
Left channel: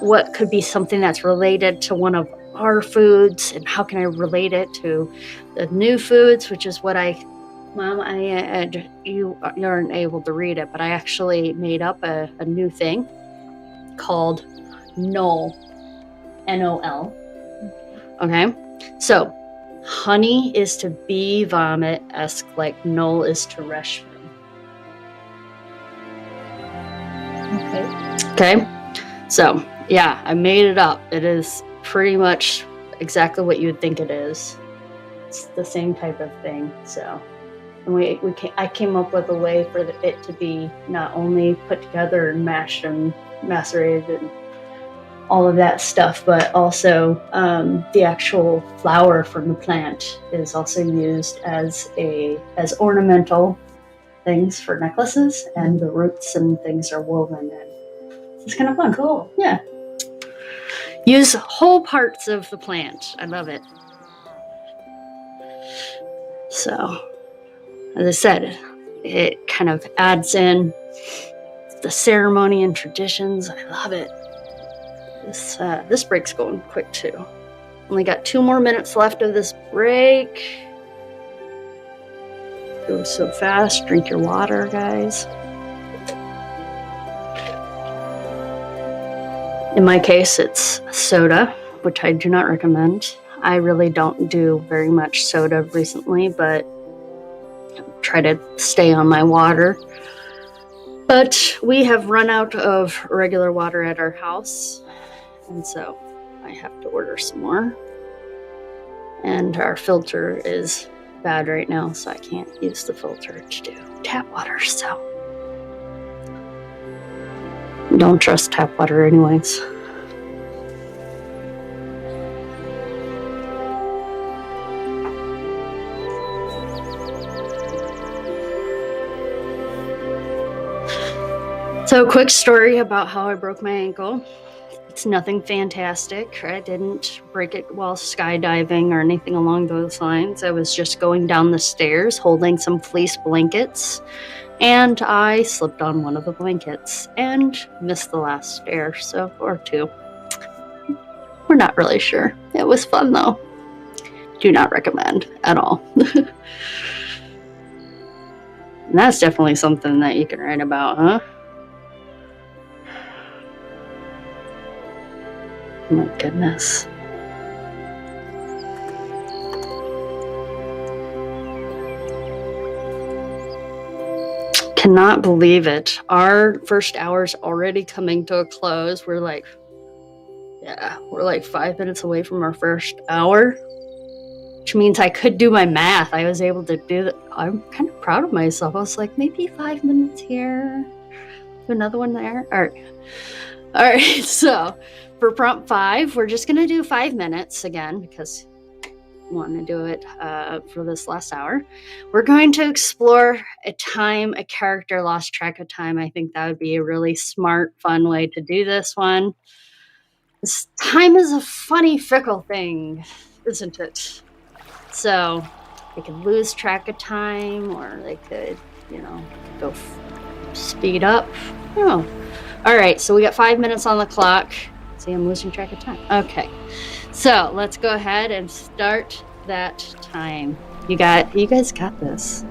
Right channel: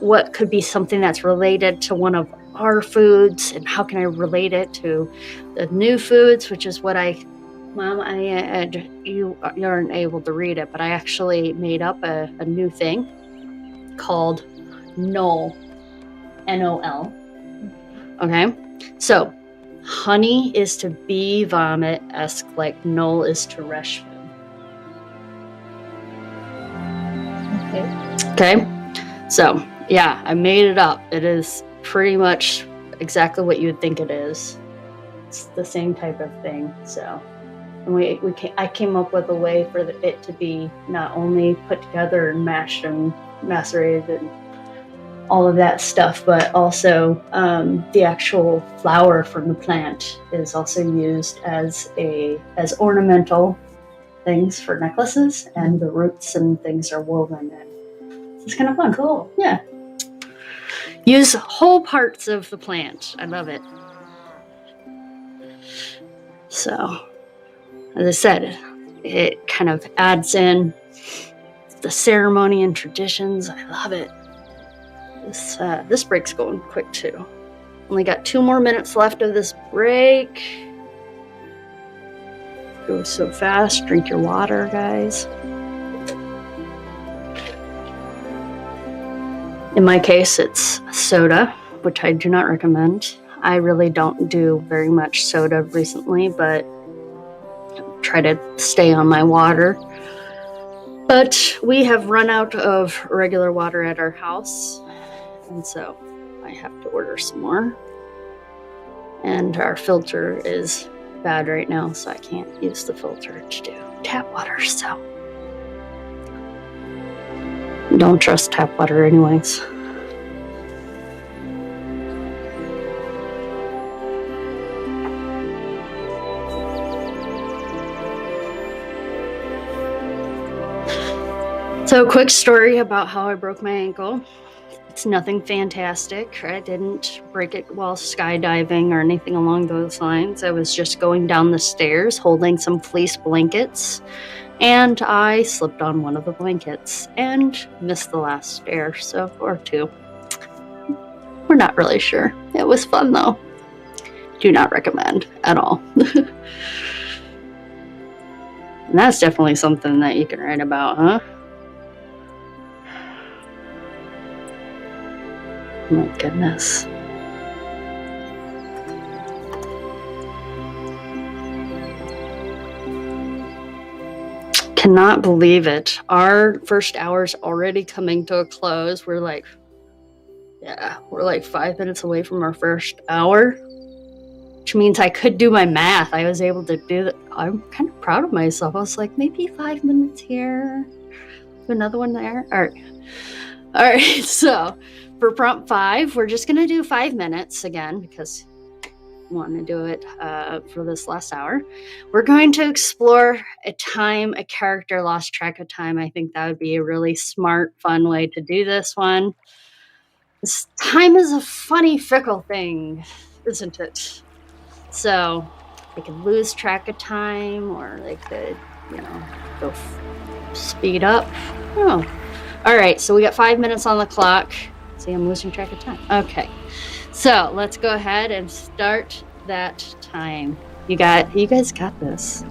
what could be something that's related to one of our foods, and how can I relate it to the new foods, which is what you aren't able to read it, but I actually made up a new thing called NOL, N-O-L. Okay, so honey is to bee vomit-esque, like Null is to Reshmu. Okay, so yeah, I made it up. It is pretty much exactly what you would think it is. It's the same type of thing. So, and I came up with a way for it to be not only put together and mashed and macerated and all of that stuff, but also the actual flower from the plant is also used as ornamental things for necklaces, and the roots and things are woven in. It's kind of fun. Cool. Yeah. Use whole parts of the plant. I love it. So, as I said, it kind of adds in the ceremony and traditions. I love it. This break's going quick too. Only got 2 more minutes left of this break. Goes so fast. Drink your water, guys. In my case, it's soda, which I do not recommend. I really don't do very much soda recently, but try to stay on my water. But we have run out of regular water at our house, and so I have to order some more. And our filter is bad right now, so I can't use the filter to do tap water, so don't trust tap water anyways. So, quick story about how I broke my ankle. It's nothing fantastic. I didn't break it while skydiving or anything along those lines. I was just going down the stairs holding some fleece blankets, and I slipped on one of the blankets and missed the last stair, or 2. We're not really sure. It was fun though. Do not recommend at all. And that's definitely something that you can write about, huh? Oh my goodness. Cannot believe it. Our first hour's already coming to a close. We're like 5 minutes away from our first hour, which means I could do my math. I was able to do that. I'm kind of proud of myself. I was like, maybe 5 minutes here, another one there. All right, so for prompt 5, we're just going to do 5 minutes again because I want to do it for this last hour. We're going to explore a character lost track of time. I think that would be a really smart, fun way to do this one. Time is a funny, fickle thing, isn't it? So they could lose track of time, or they could, go speed up. Oh, all right. So we got 5 minutes on the clock. See, I'm losing track of time. Okay, so let's go ahead and start that time. You guys got this.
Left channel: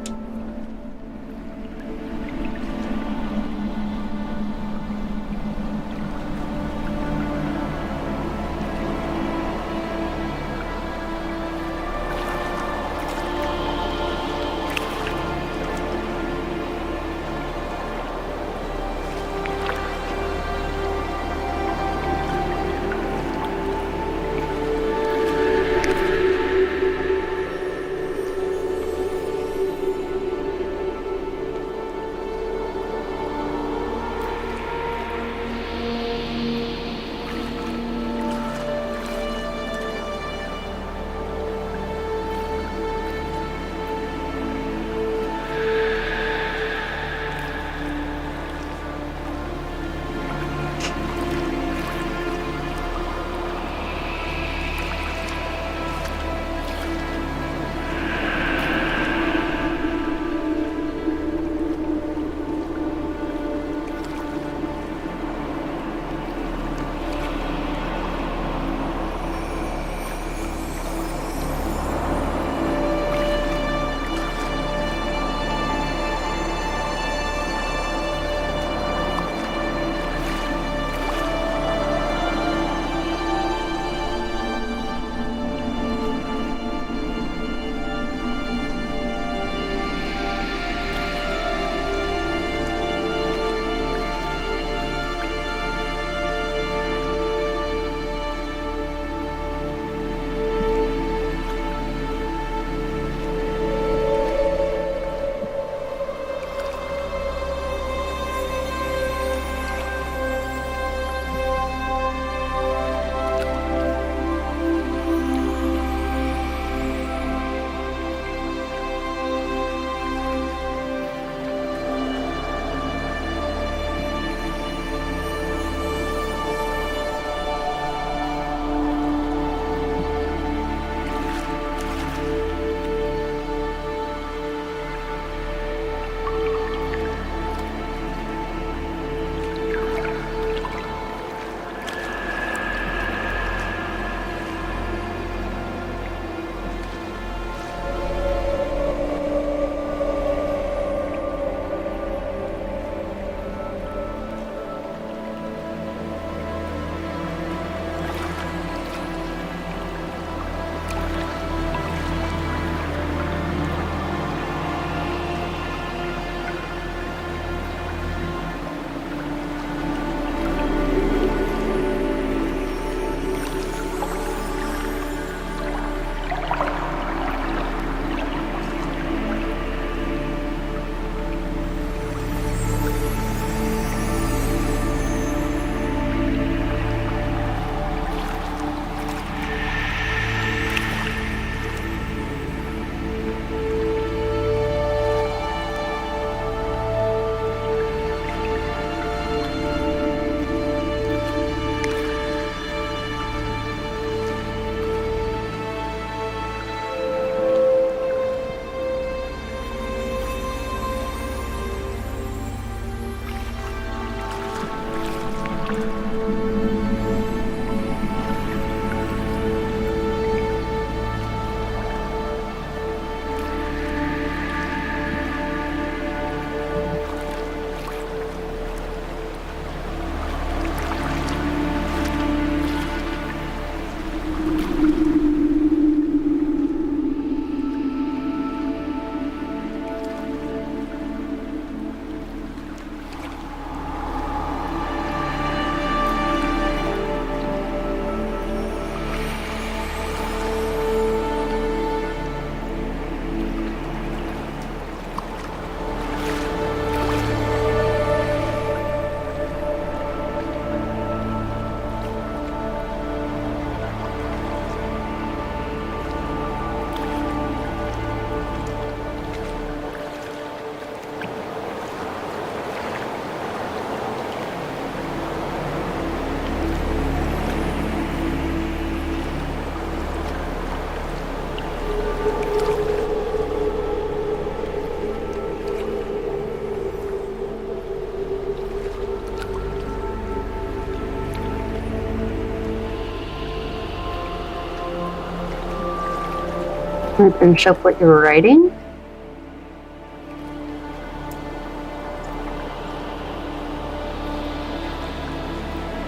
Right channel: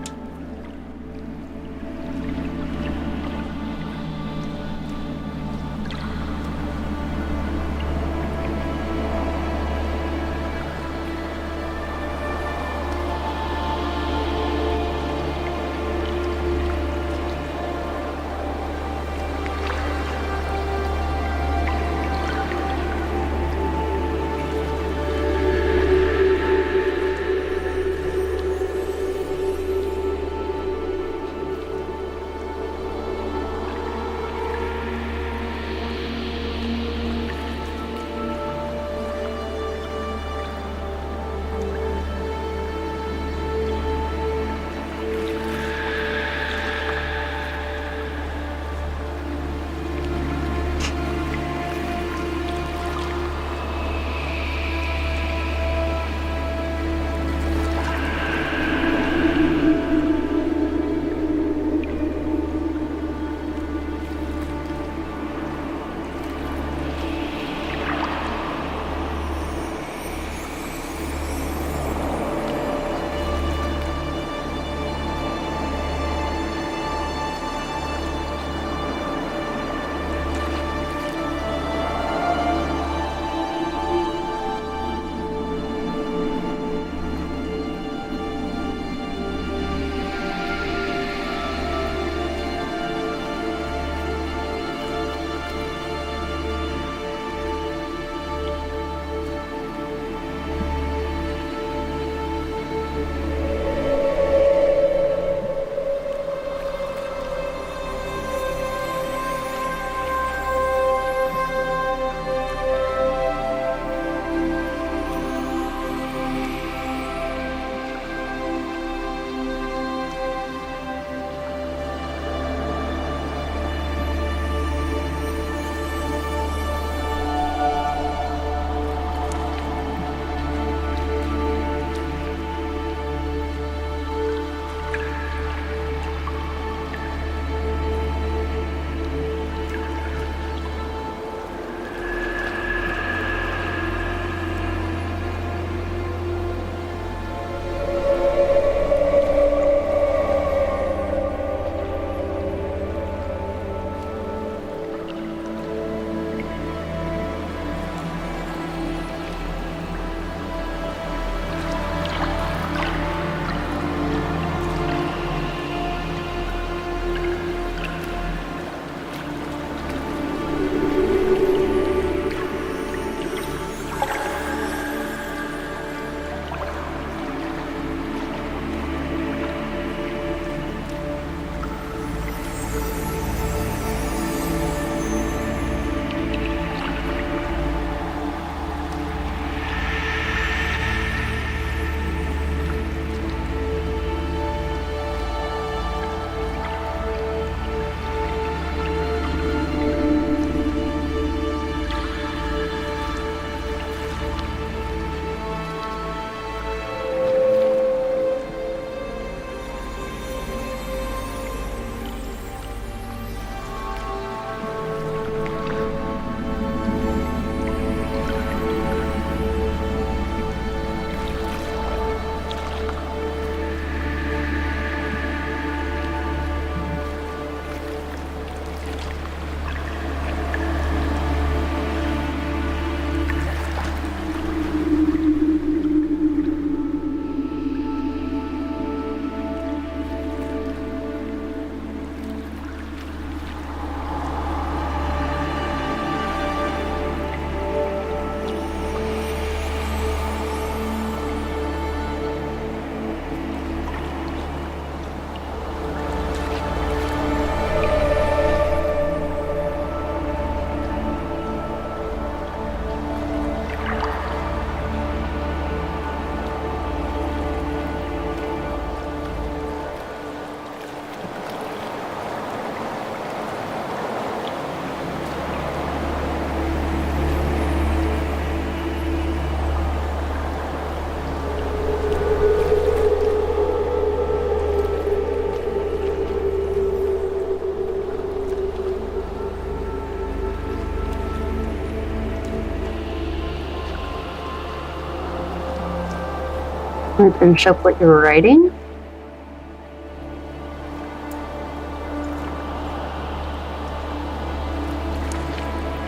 and finish up what you're writing.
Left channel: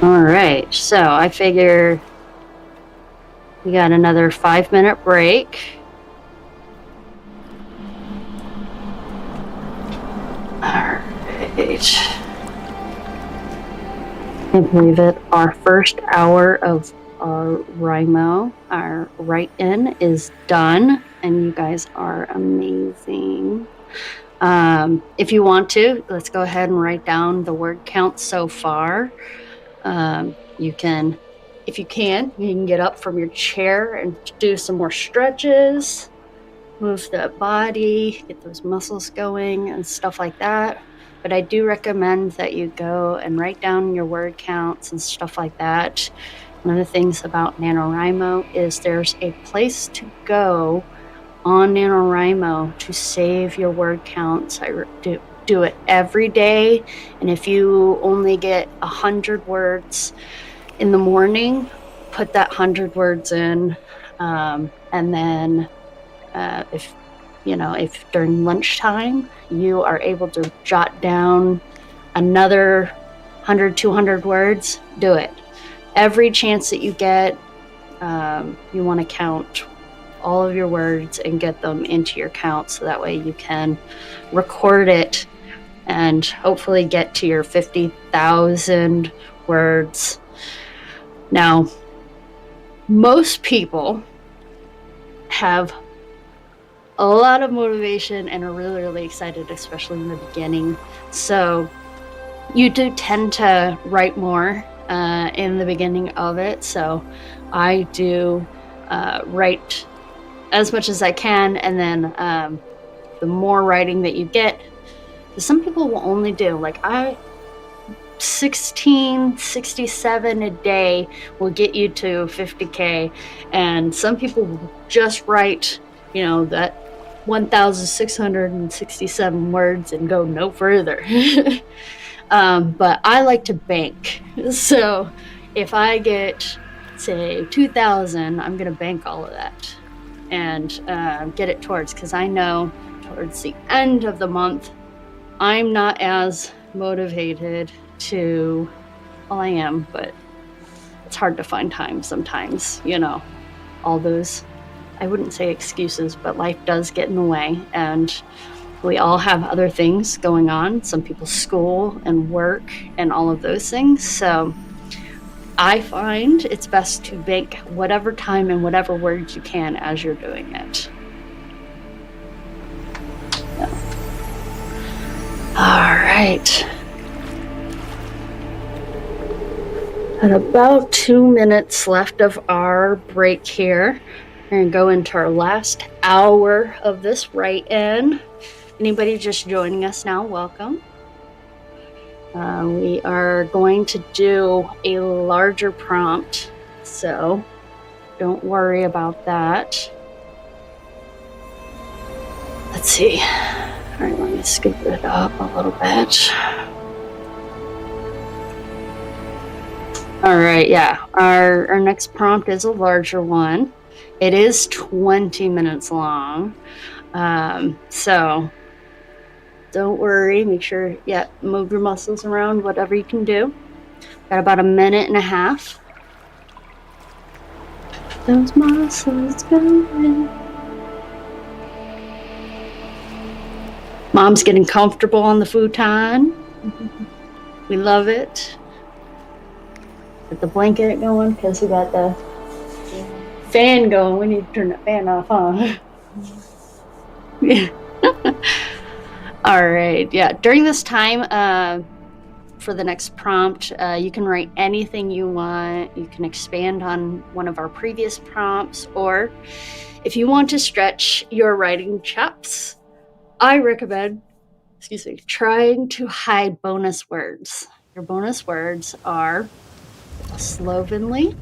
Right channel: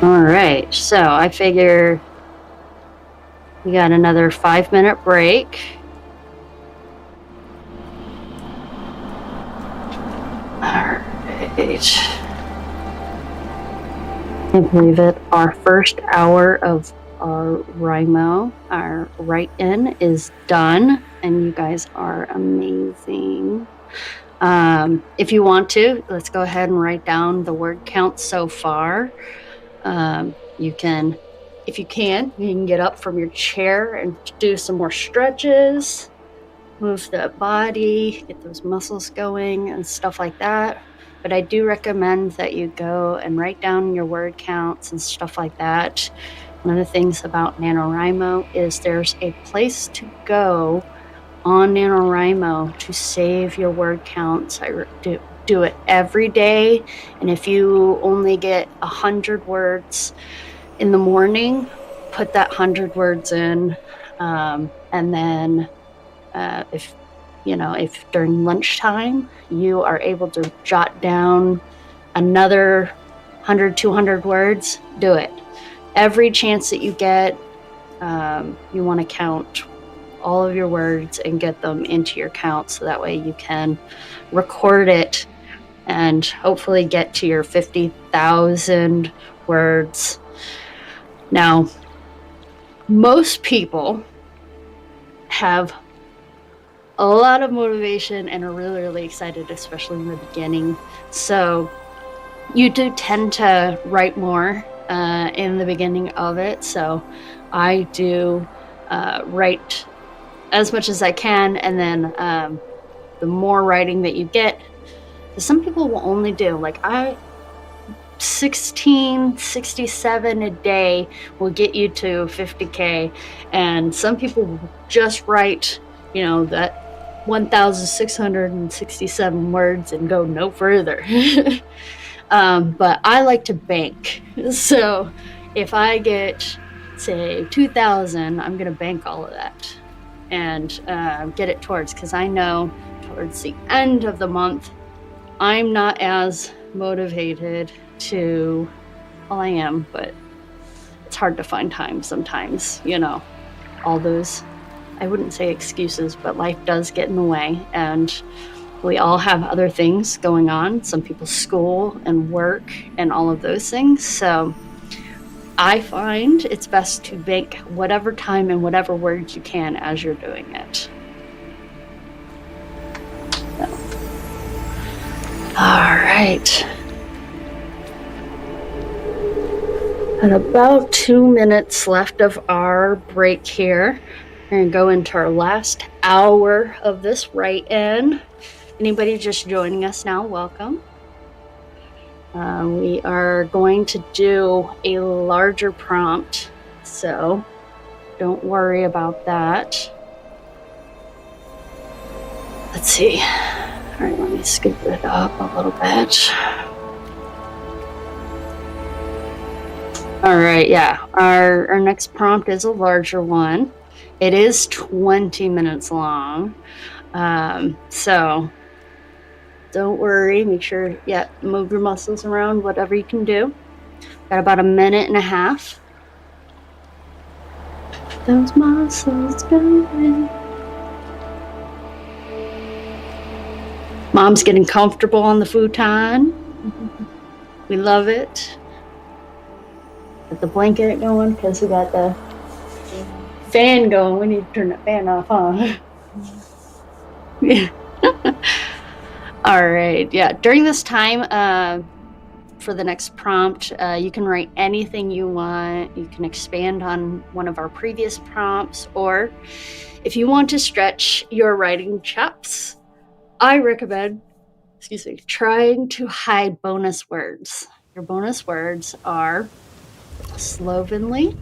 All right, so I figure we got another 5-minute break. All right. I believe it, our first hour of our RIMO, our write-in is done, and you guys are amazing. If you want to, let's go ahead and write down the word count so far. You can, if you can get up from your chair and do some more stretches, move the body, get those muscles going and stuff like that. But I do recommend that you go and write down your word counts and stuff like that. One of the things about NaNoWriMo is there's a place to go on NaNoWriMo to save your word counts. I do it every day, and if you only get 100 words in the morning, put that 100 words in, and then if during lunchtime you are able to jot down another 100, 200 words, do it. Every chance that you get, you want to count all of your words and get them into your count, so that way you can record it and hopefully get to your 50,000 words. Now, most people have a lot of motivation and are really, really excited, especially in the beginning. So you do tend to write more in the beginning of it. So I do write as much as I can, and then the more writing that you get, some people will only do 16, 67 a day will get you to 50K, and some people will just write that 1,667 words and go no further. But I like to bank. So if I get, say, 2,000, I'm going to bank all of that and get it towards, because I know towards the end of the month, I'm not as motivated to, well, I am, but it's hard to find time sometimes, all those, I wouldn't say excuses, but life does get in the way, and we all have other things going on. Some people school and work and all of those things. So I find it's best to bank whatever time and whatever words you can as you're doing it. So. All right. At about 2 minutes left of our break here. We're going to go into our last hour of this write-in. Anybody just joining us now, welcome. We are going to do a larger prompt, so don't worry about that. Let's see. All right, let me scoop it up a little bit. All right, yeah, our next prompt is a larger one. It is 20 minutes long, so don't worry. Make sure, move your muscles around, whatever you can do. Got about a minute and a half. Those muscles going. Mom's getting comfortable on the futon. We love it. Get the blanket going because we got the fan going. We need to turn the fan off, huh? Yeah. All right. Yeah. During this time, for the next prompt, you can write anything you want. You can expand on one of our previous prompts, or if you want to stretch your writing chops, I recommend, trying to hide bonus words. Your bonus words are slovenly,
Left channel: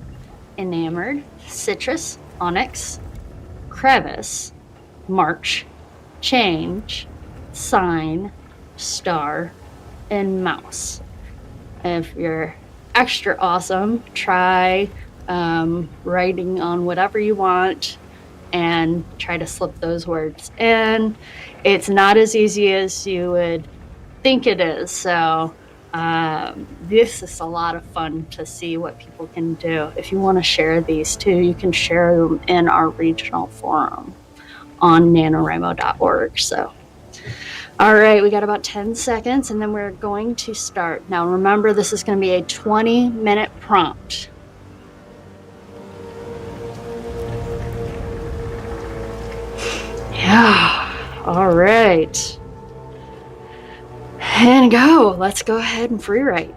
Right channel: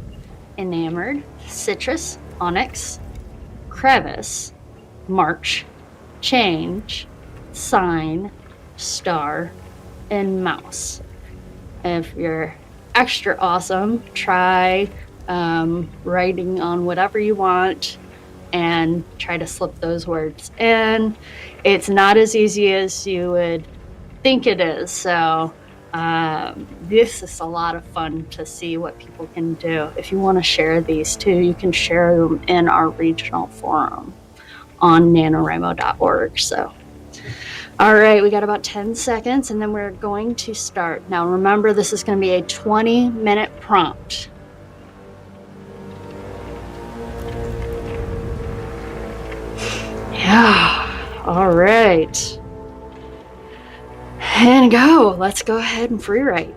enamored, citrus, onyx, crevice, march, change, sign, star, and mouse. If you're extra awesome, try writing on whatever you want. and try to slip those words in. It's not as easy as you would think it is. So this is a lot of fun to see what people can do. If you want to share these too, you can share them in our regional forum on NaNoWriMo.org. So, all right, we got about 10 seconds and then we're going to start. Now remember, this is going to be a 20-minute prompt. Yeah, all right. And go. Let's go ahead and free write.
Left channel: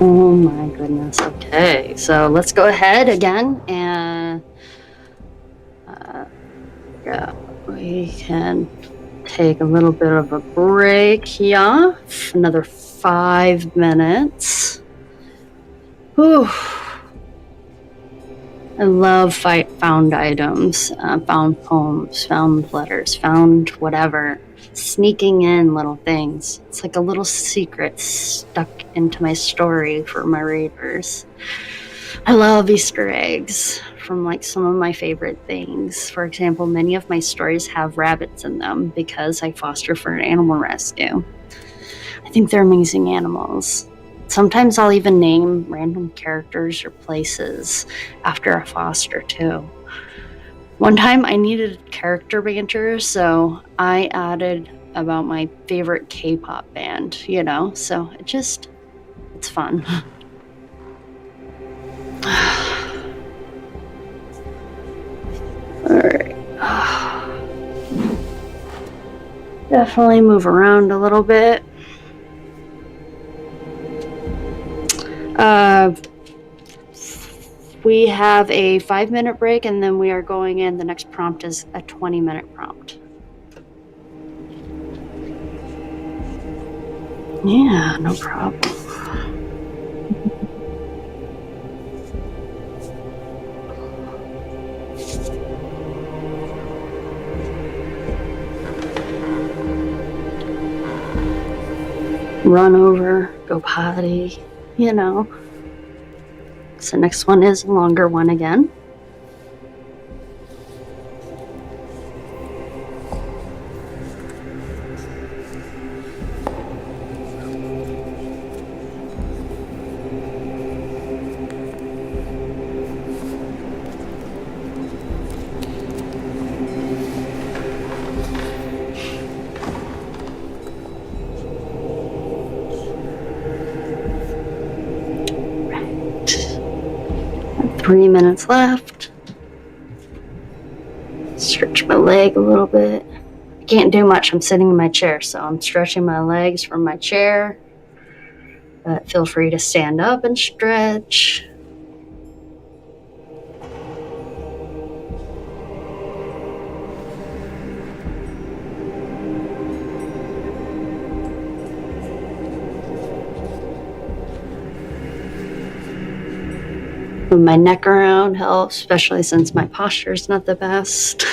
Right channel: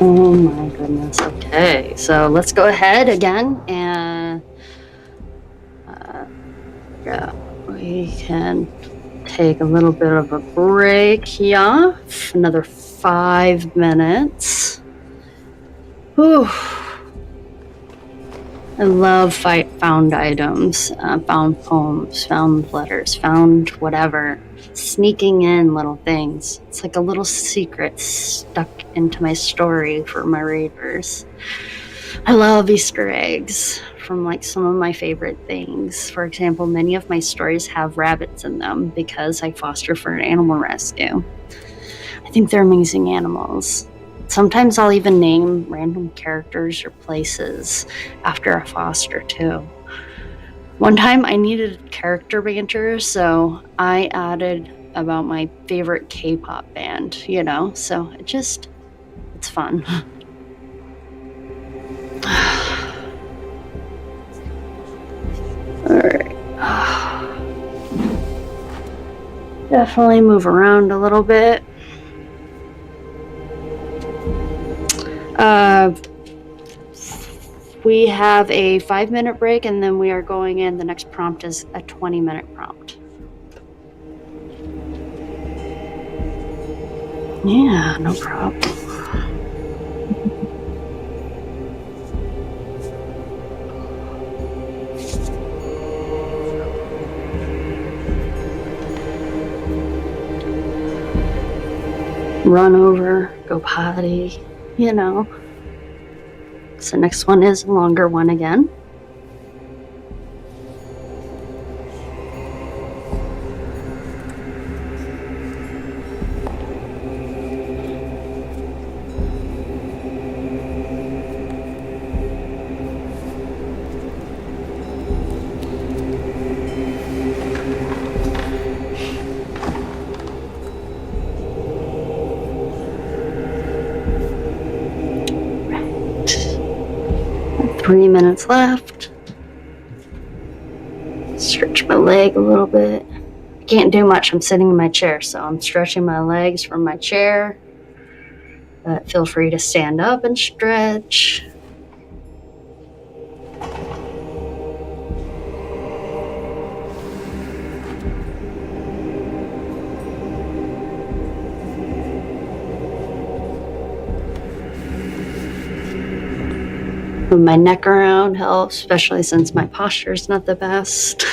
Oh my goodness. Okay, so let's go ahead again and yeah, we can take a little bit of a break here. Another 5 minutes. Whew. I love found items, found poems, found letters, found whatever. Sneaking in little things. It's like a little secret stuck into my story for my readers. I love Easter eggs from like some of my favorite things. For example, many of my stories have rabbits in them because I foster for an animal rescue. I think they're amazing animals. Sometimes I'll even name random characters or places after a foster too. One time I needed character banter, so I added about my favorite K-pop band, so it's fun. All right. Definitely move around a little bit. We have a 5-minute break, and then we are going in. The next prompt is a 20-minute prompt. Yeah, no problem. Run over, go potty, So next one is a longer one again. Right. 3 minutes left. Stretch my leg a little bit. I can't do much. I'm sitting in my chair, so I'm stretching my legs from my chair. But feel free to stand up and stretch. Move my neck around helps, especially since my posture is not the best.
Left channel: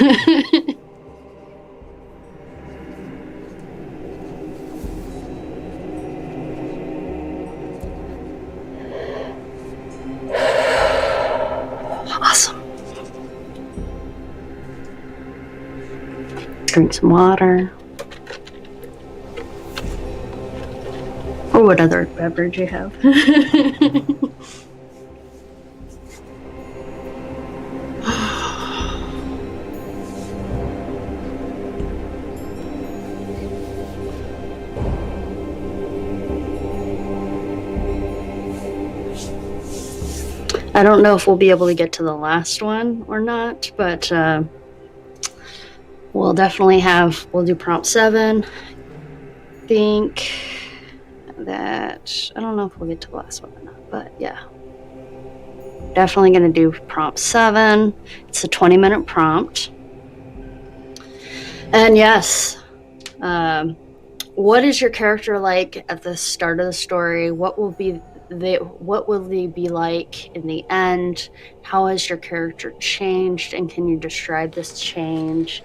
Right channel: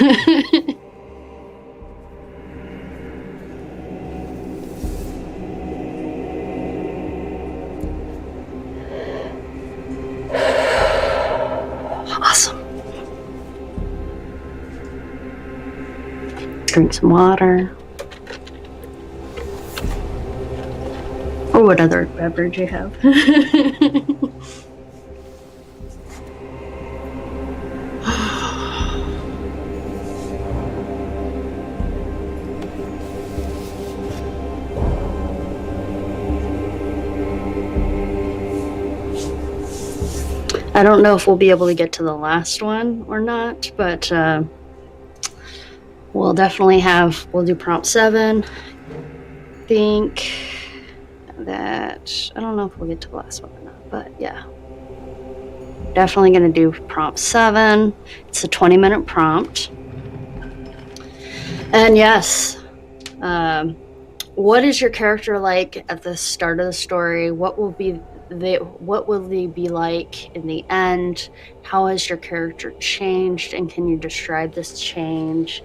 Awesome. Drink some water. Or what other beverage you have. I don't know if we'll be able to get to the last one or not, but we'll do prompt 7. I think that, I don't know if we'll get to the last one or not, but yeah. Definitely going to do prompt 7. It's a 20-minute prompt. And yes, what is your character like at the start of the story? What will they be like in the end? How has your character changed, and can you describe this change?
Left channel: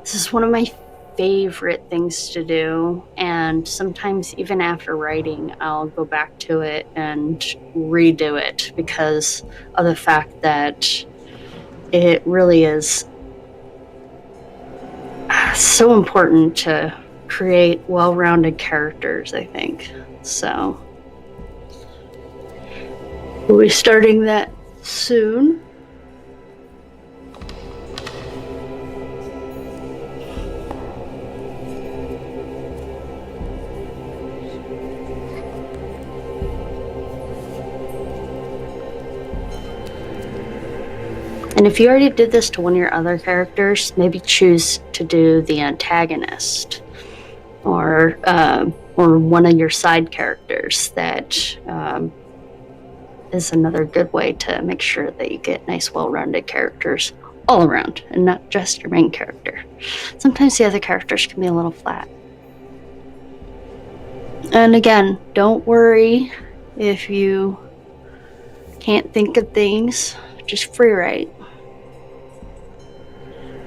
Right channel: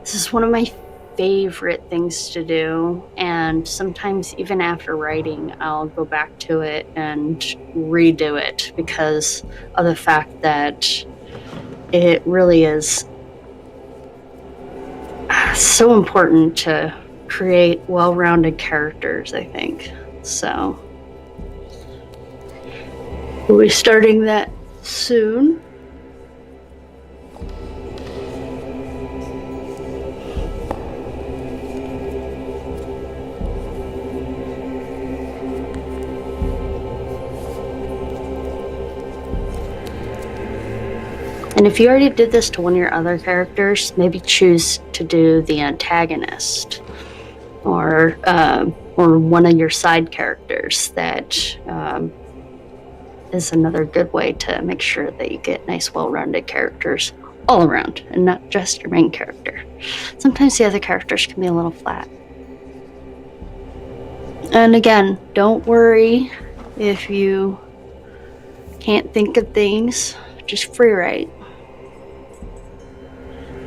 This is one of my favorite things to do, and sometimes even after writing, I'll go back to it and redo it because of the fact that it really is so important to create well-rounded characters, I think. So we'll be starting that soon. And if you already did this to one of your other characters, maybe choose to do the antagonist or or one of your side characters. That is another good way to make sure that you get nice, well-rounded characters all around and not just your main character. Sometimes the other characters can be a little flat. And again, don't worry if you can't think of things, just free write.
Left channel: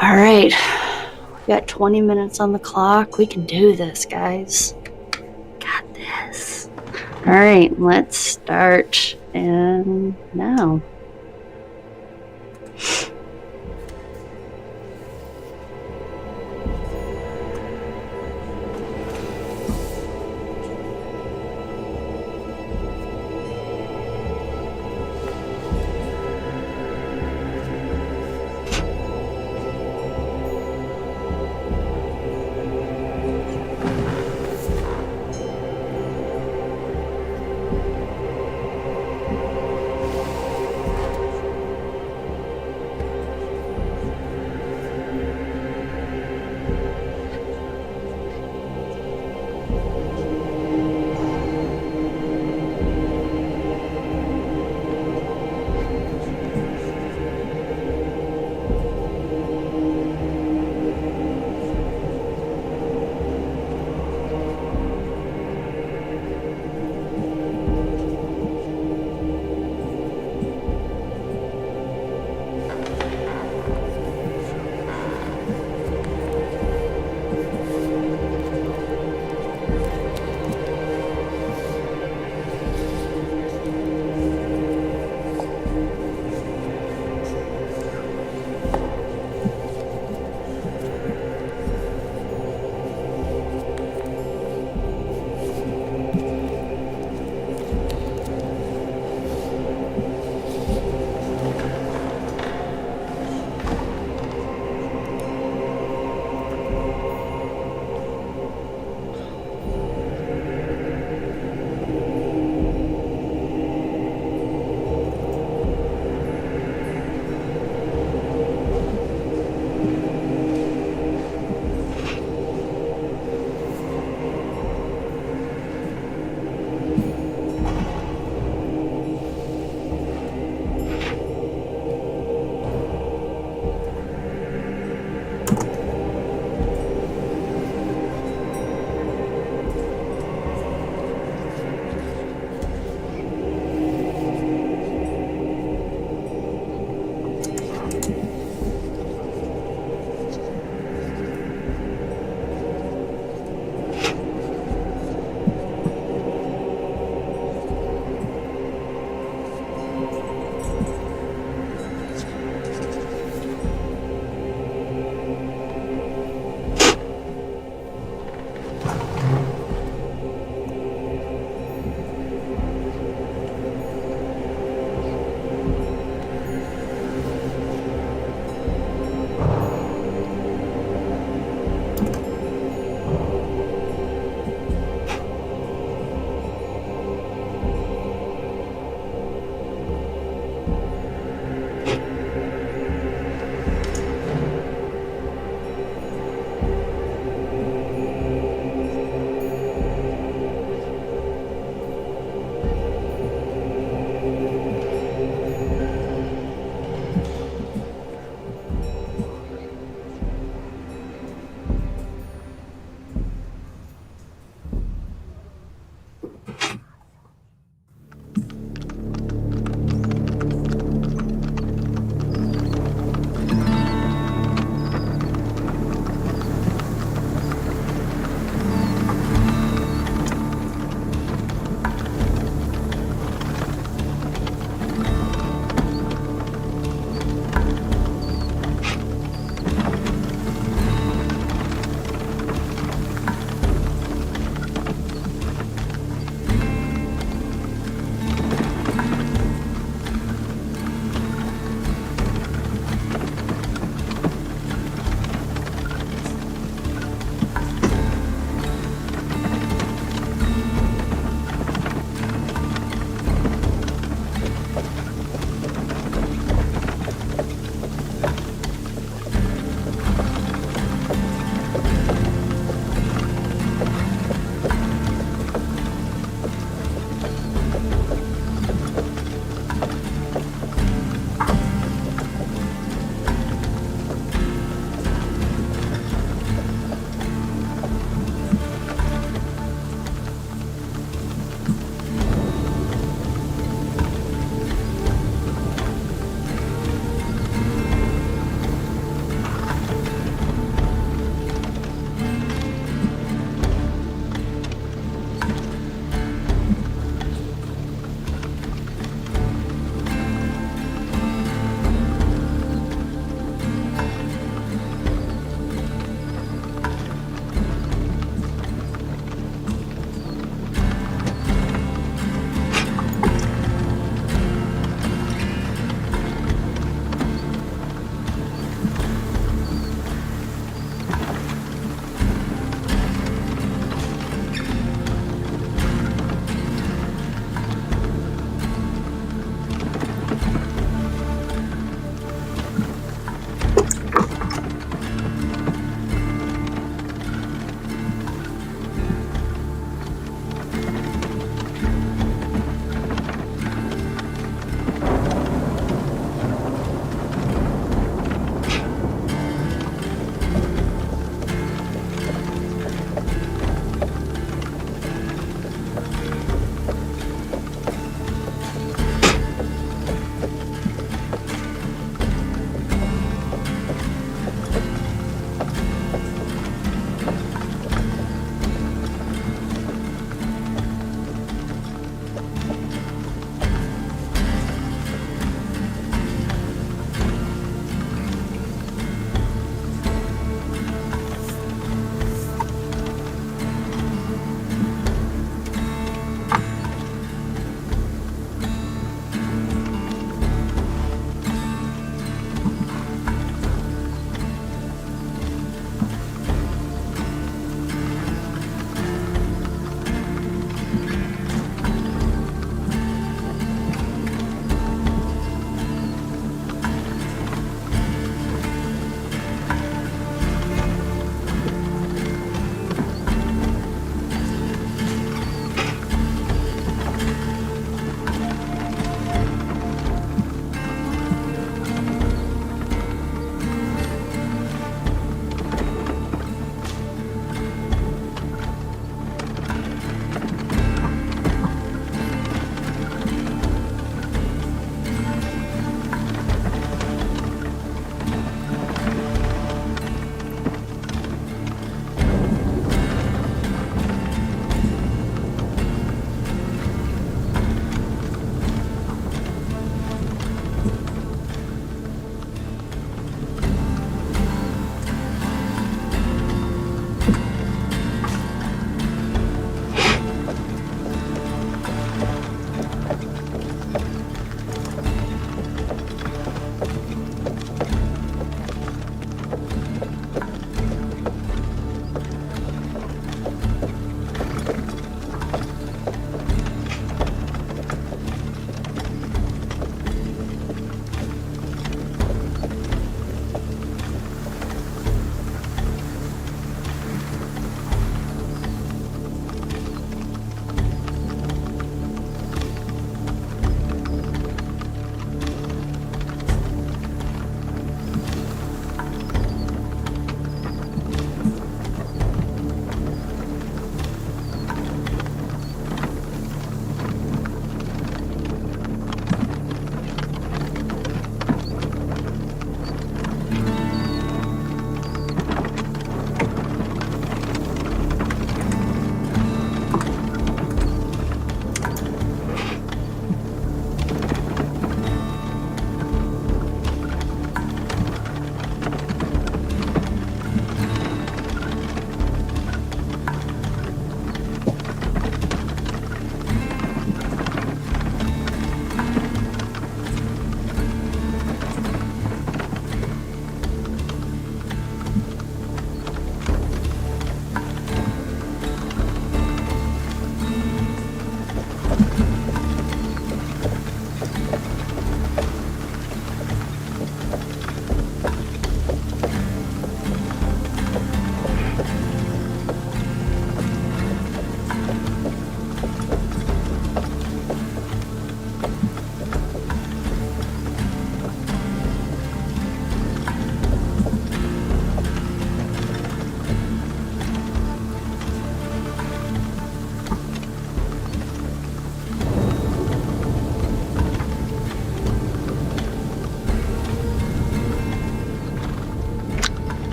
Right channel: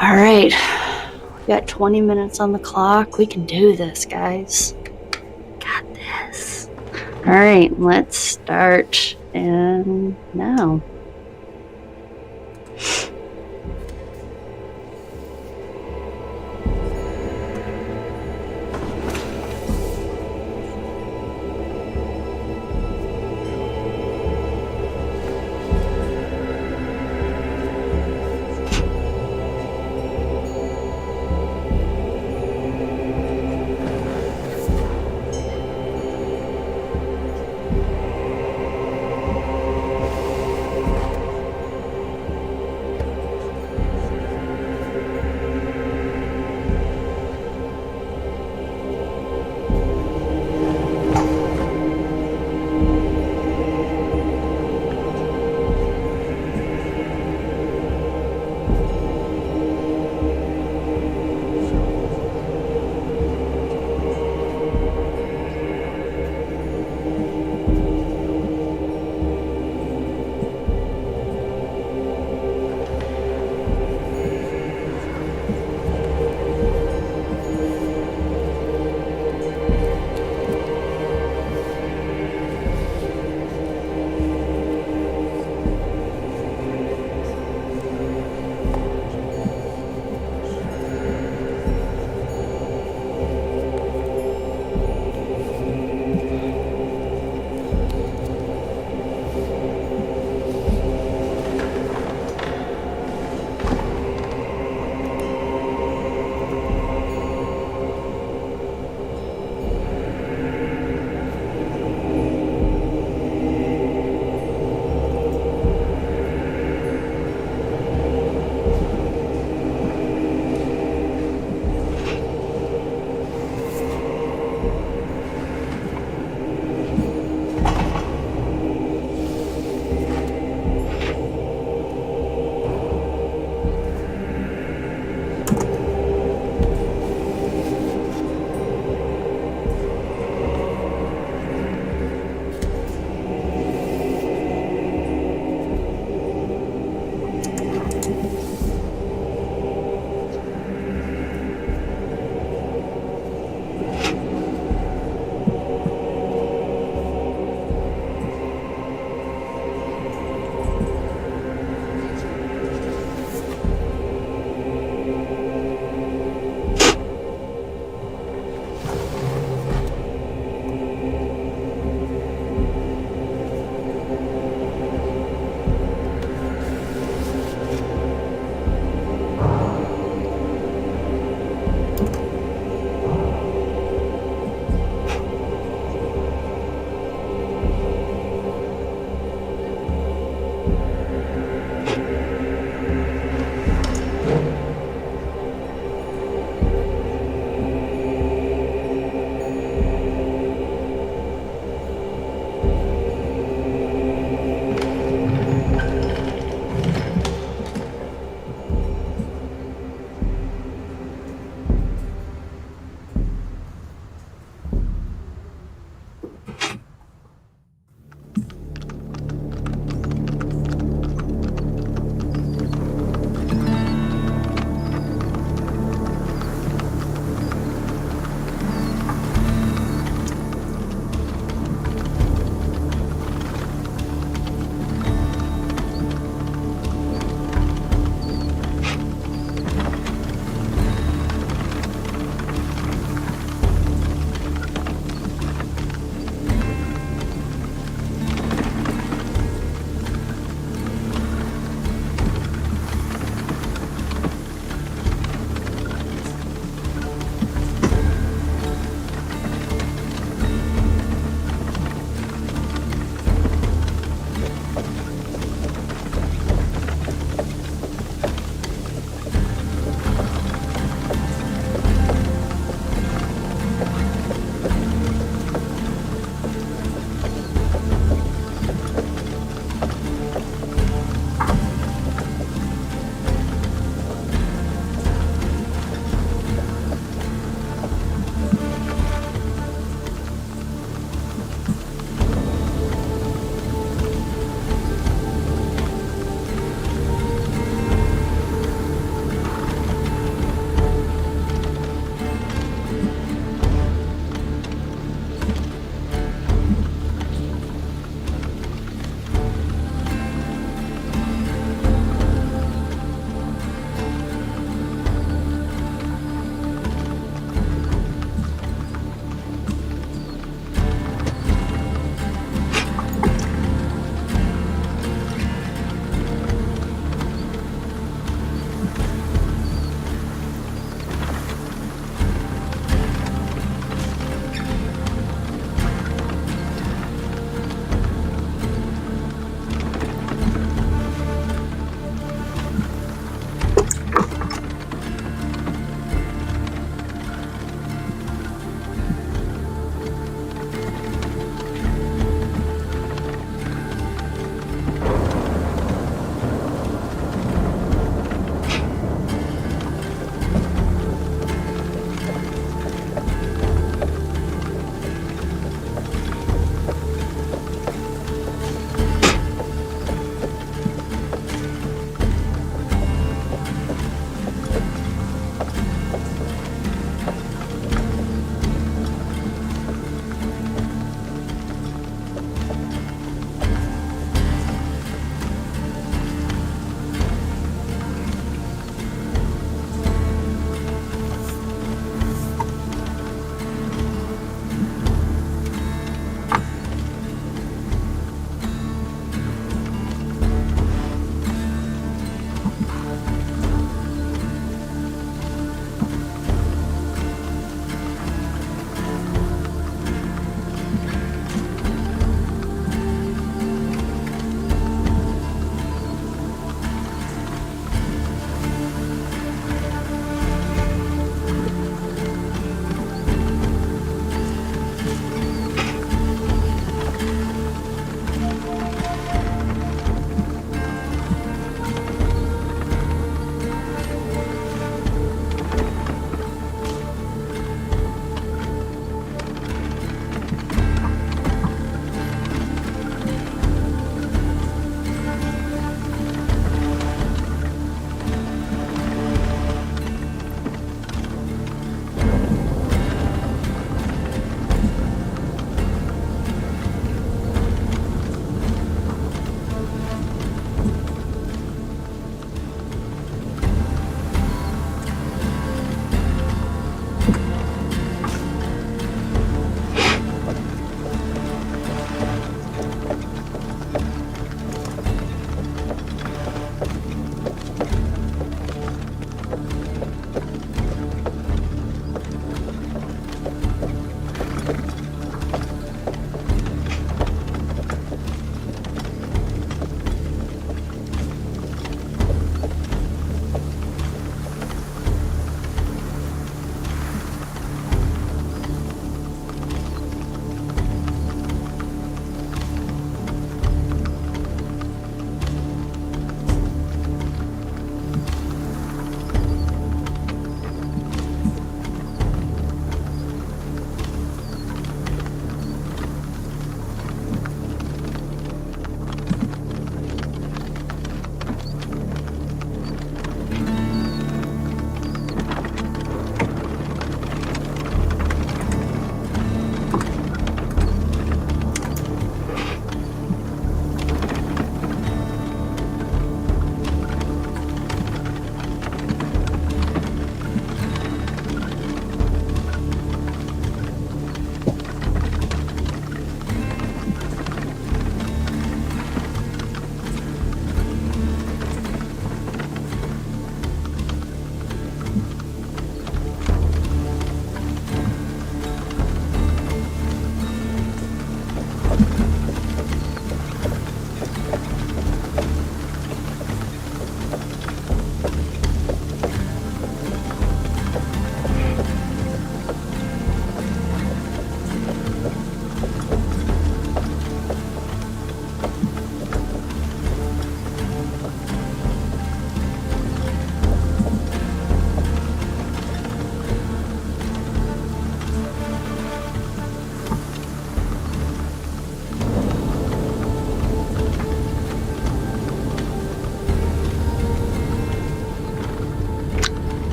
All right, we got 20 minutes on the clock. We can do this, guys. Got this. All right, let's start. And now.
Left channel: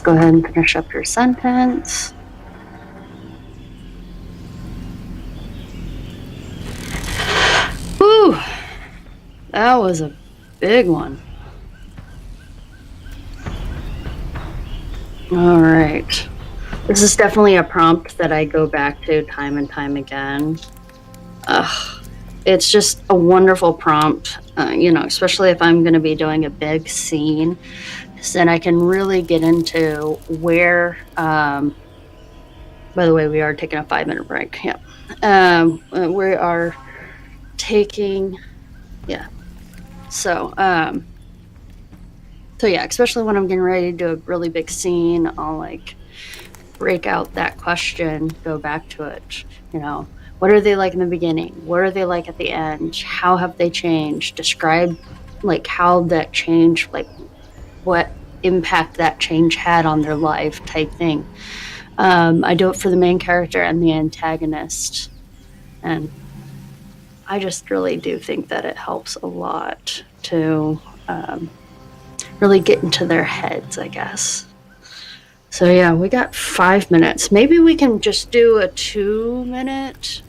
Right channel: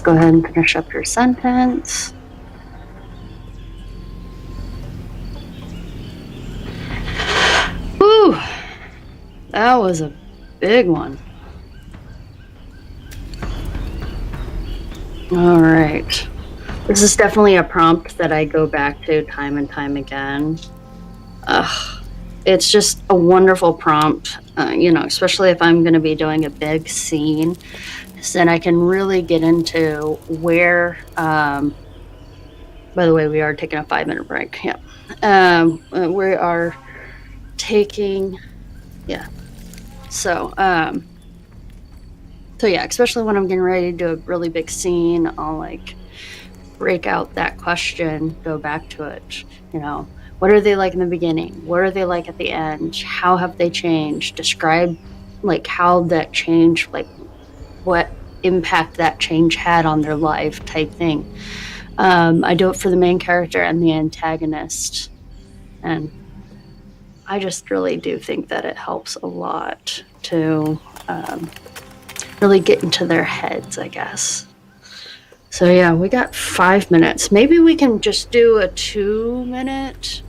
Let's go ahead and finish up your sentence. Whew, that was a big one. All right. This is definitely a prompt that I go back to time and time again. It's just a wonderful prompt, especially if I'm going to be doing a big scene. Then I can really get into where, by the way, we are taking a 5-minute break. Yep. We are taking, yeah. So yeah, especially when I'm getting ready to do a really big scene, I'll like break out that question, go back to it, what are they like in the beginning? What are they like at the end? How have they changed? Describe like how that change, like what impact that change had on their life type thing. I do it for the main character and the antagonist. And I just really do think that it helps a lot to really get into their heads, I guess. So yeah, we got 5 minutes. Maybe we can just do a 2-minute,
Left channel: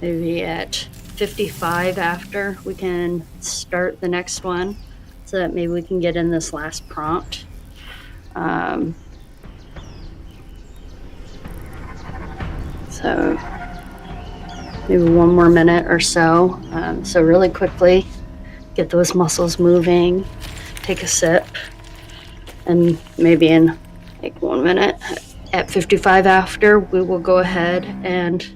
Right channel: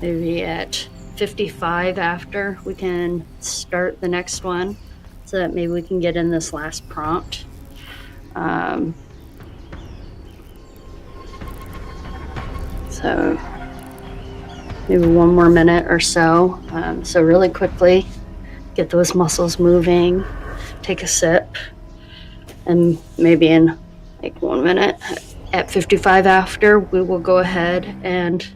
maybe at 55 after we can start the next one, so that maybe we can get in this last prompt. So maybe 1 more minute or so. So really quickly, get those muscles moving, take a sip. And maybe in like 1 minute, at 55 after, we will go ahead and...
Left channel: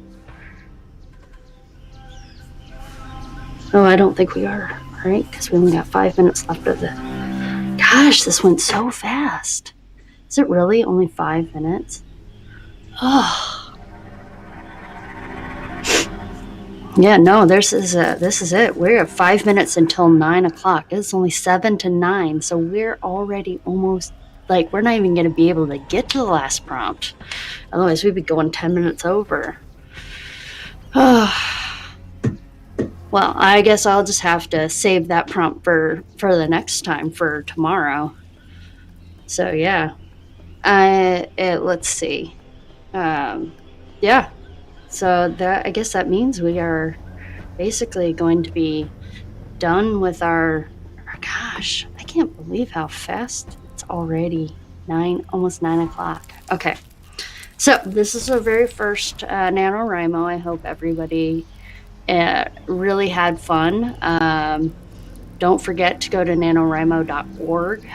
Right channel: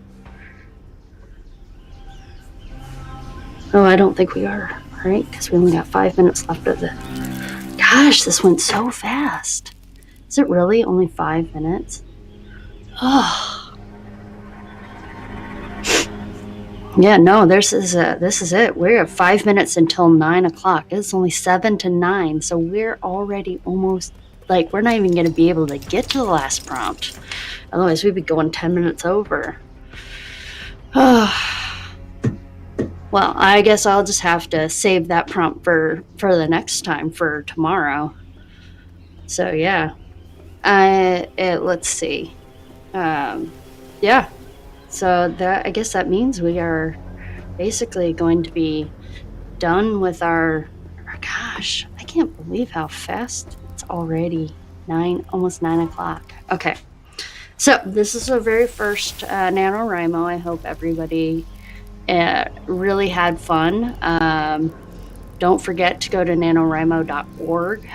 Oh, I don't think we are, right? Because we only got 5 minutes left of the... Gosh, this went so fast. Is it really only 5 minutes? Oh. Yeah, no, this is it. We're at 5 minutes until 9 o'clock. It's only 7 to 9, so we're already almost, like, we're not even going to be able to get to the last prompt. Otherwise, we'd be going 10 minutes over. Well, I guess I'll just have to save that prompt for the next time, for tomorrow. So, yeah. Let's see. Yeah. So I guess that means we are basically going to be done with our gosh, I can't believe how fast it's already almost 9 o'clock. Okay. So this is our very first NaNoWriMo. I hope everybody really had fun. Don't forget to go to NaNoWriMo.org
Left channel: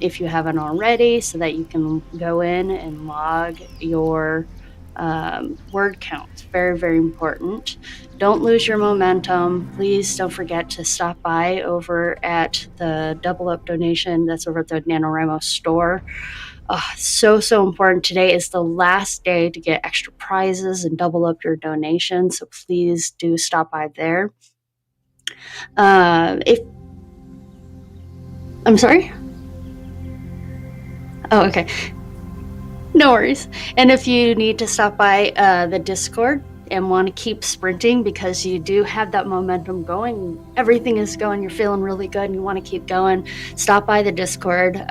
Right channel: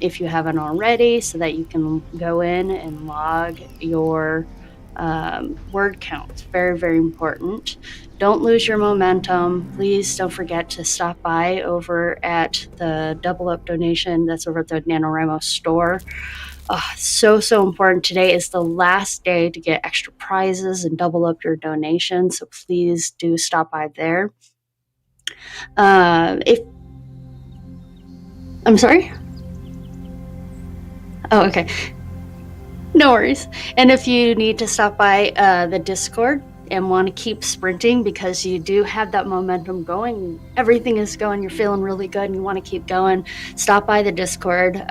if you haven't already, so that you can go in and log your word count. It's very, very important. Don't lose your momentum. Please don't forget to stop by over at the Double Up donation that's over at the NaNoWriMo store. So important. Today is the last day to get extra prizes and double up your donation, so please do stop by there. I'm sorry? Oh, okay. No worries. And if you need to stop by the Discord and want to keep sprinting because you do have that momentum going, everything is going, you're feeling really good and you want to keep going, stop by the Discord,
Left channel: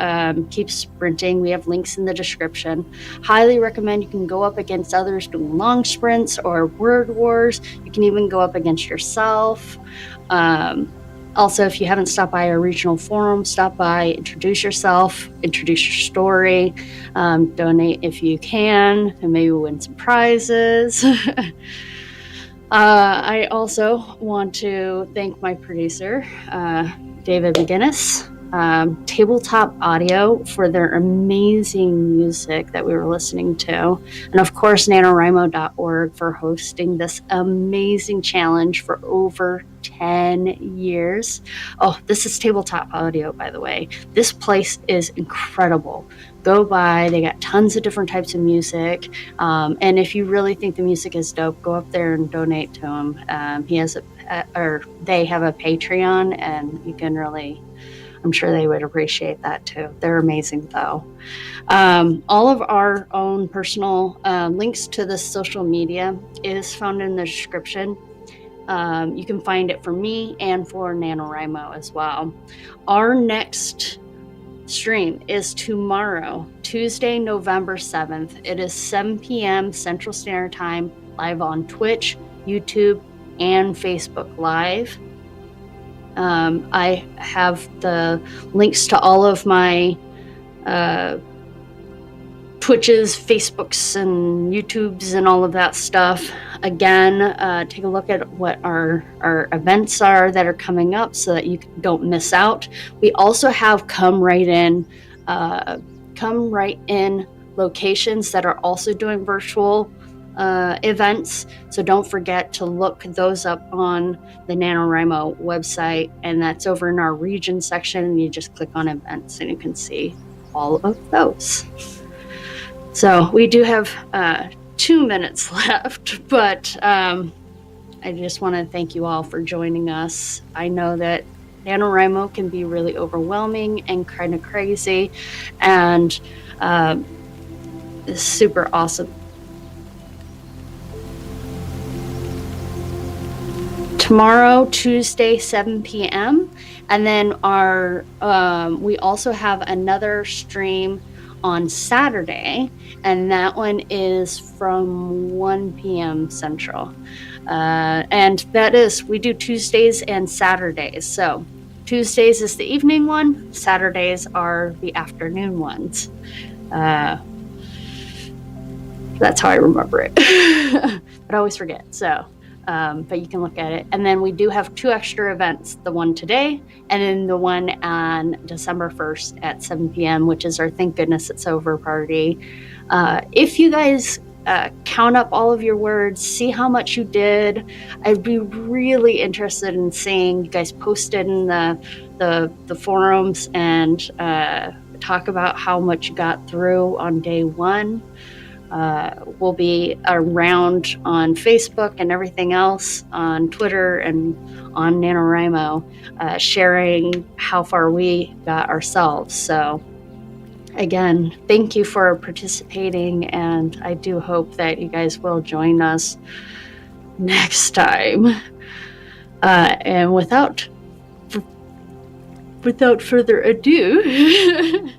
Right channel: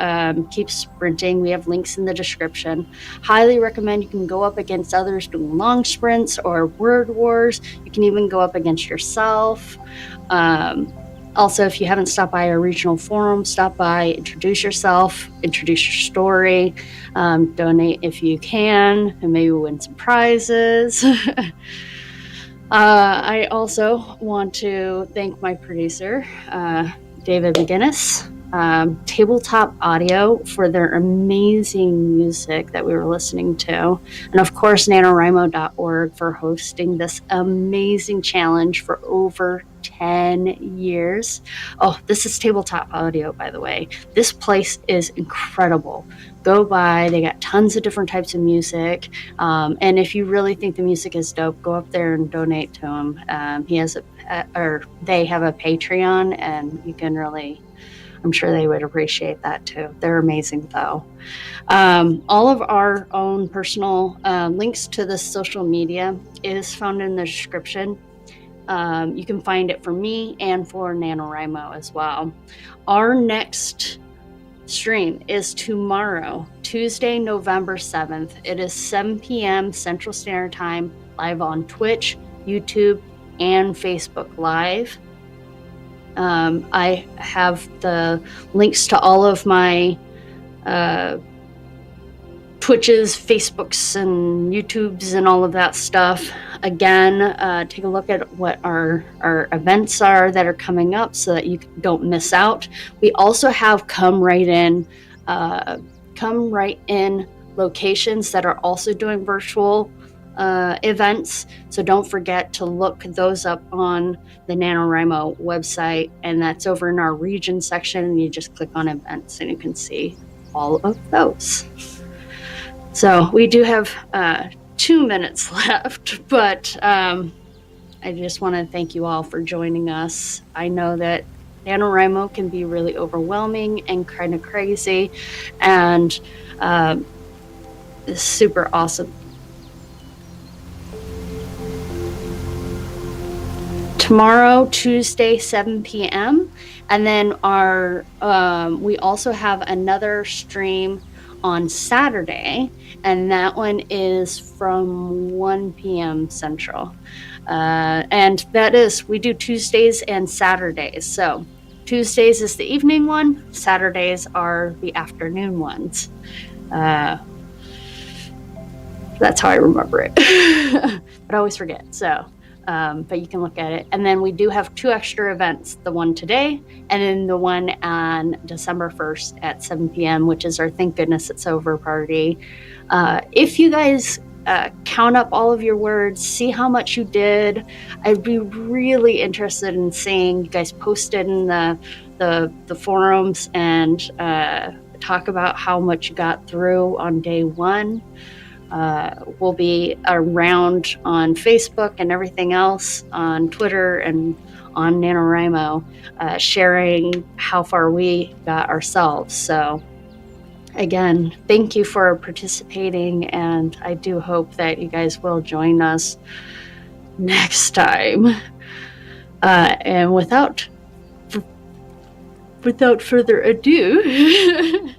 keep sprinting. We have links in the description. Highly recommend you can go up against others doing long sprints or word wars. You can even go up against yourself. Also, if you haven't stopped by our regional forum, stop by, introduce yourself, introduce your story, donate if you can, and maybe win some prizes. I also want to thank my producer, David McGinnis, Tabletop Audio, for their amazing music that we were listening to. And of course, NaNoWriMo.org for hosting this amazing challenge for over 10 years. Oh, this is Tabletop Audio, by the way. This place is incredible. Go by. They got tons of different types of music. And if you really think the music is dope, go up there and donate to him. They have a Patreon, and you can really... I'm sure they would appreciate that too. They're amazing though. All of our own personal links to the social media is found in the description. You can find it for me and for NaNoWriMo as well. Our next stream is tomorrow, Tuesday, November 7th. It is 7 p.m. Central Standard Time, live on Twitch, YouTube, and Facebook Live. I have the links to all of my Twitches, Facebooks, and YouTubes, and all of that stuff. Again, take a look at what our events are that are coming up so that you don't miss out. We also have come right in locations that are also doing virtual events. So don't forget to look those up on the NaNoWriMo website, and that's over in our region section, and you just click on events and you can see all of those. So we do have 2 minutes left, but I just want to thank you all for joining us. I know that NaNoWriMo can be really overwhelming and kind of crazy, and it's super awesome. Tomorrow, Tuesday, 7 p.m. And then we also have another stream on Saturday, and that one is from 1 p.m. Central. And that is, we do Tuesdays and Saturdays. So Tuesdays is the evening one, Saturdays are the afternoon ones. That's how I remember it. But I always forget. So, but you can look at it. And then we do have 2 extra events, the one today and then the one on December 1st at 7 p.m., which is our Thank Goodness It's Over party. If you guys count up all of your words, see how much you did, I'd be really interested in seeing you guys post it in the forums and talk about how much you got through on day 1. We'll be around on Facebook and everything else, on Twitter and on NaNoWriMo, sharing how far we got ourselves. So again, thank you for participating, and I do hope that you guys will join us next time. And without further ado,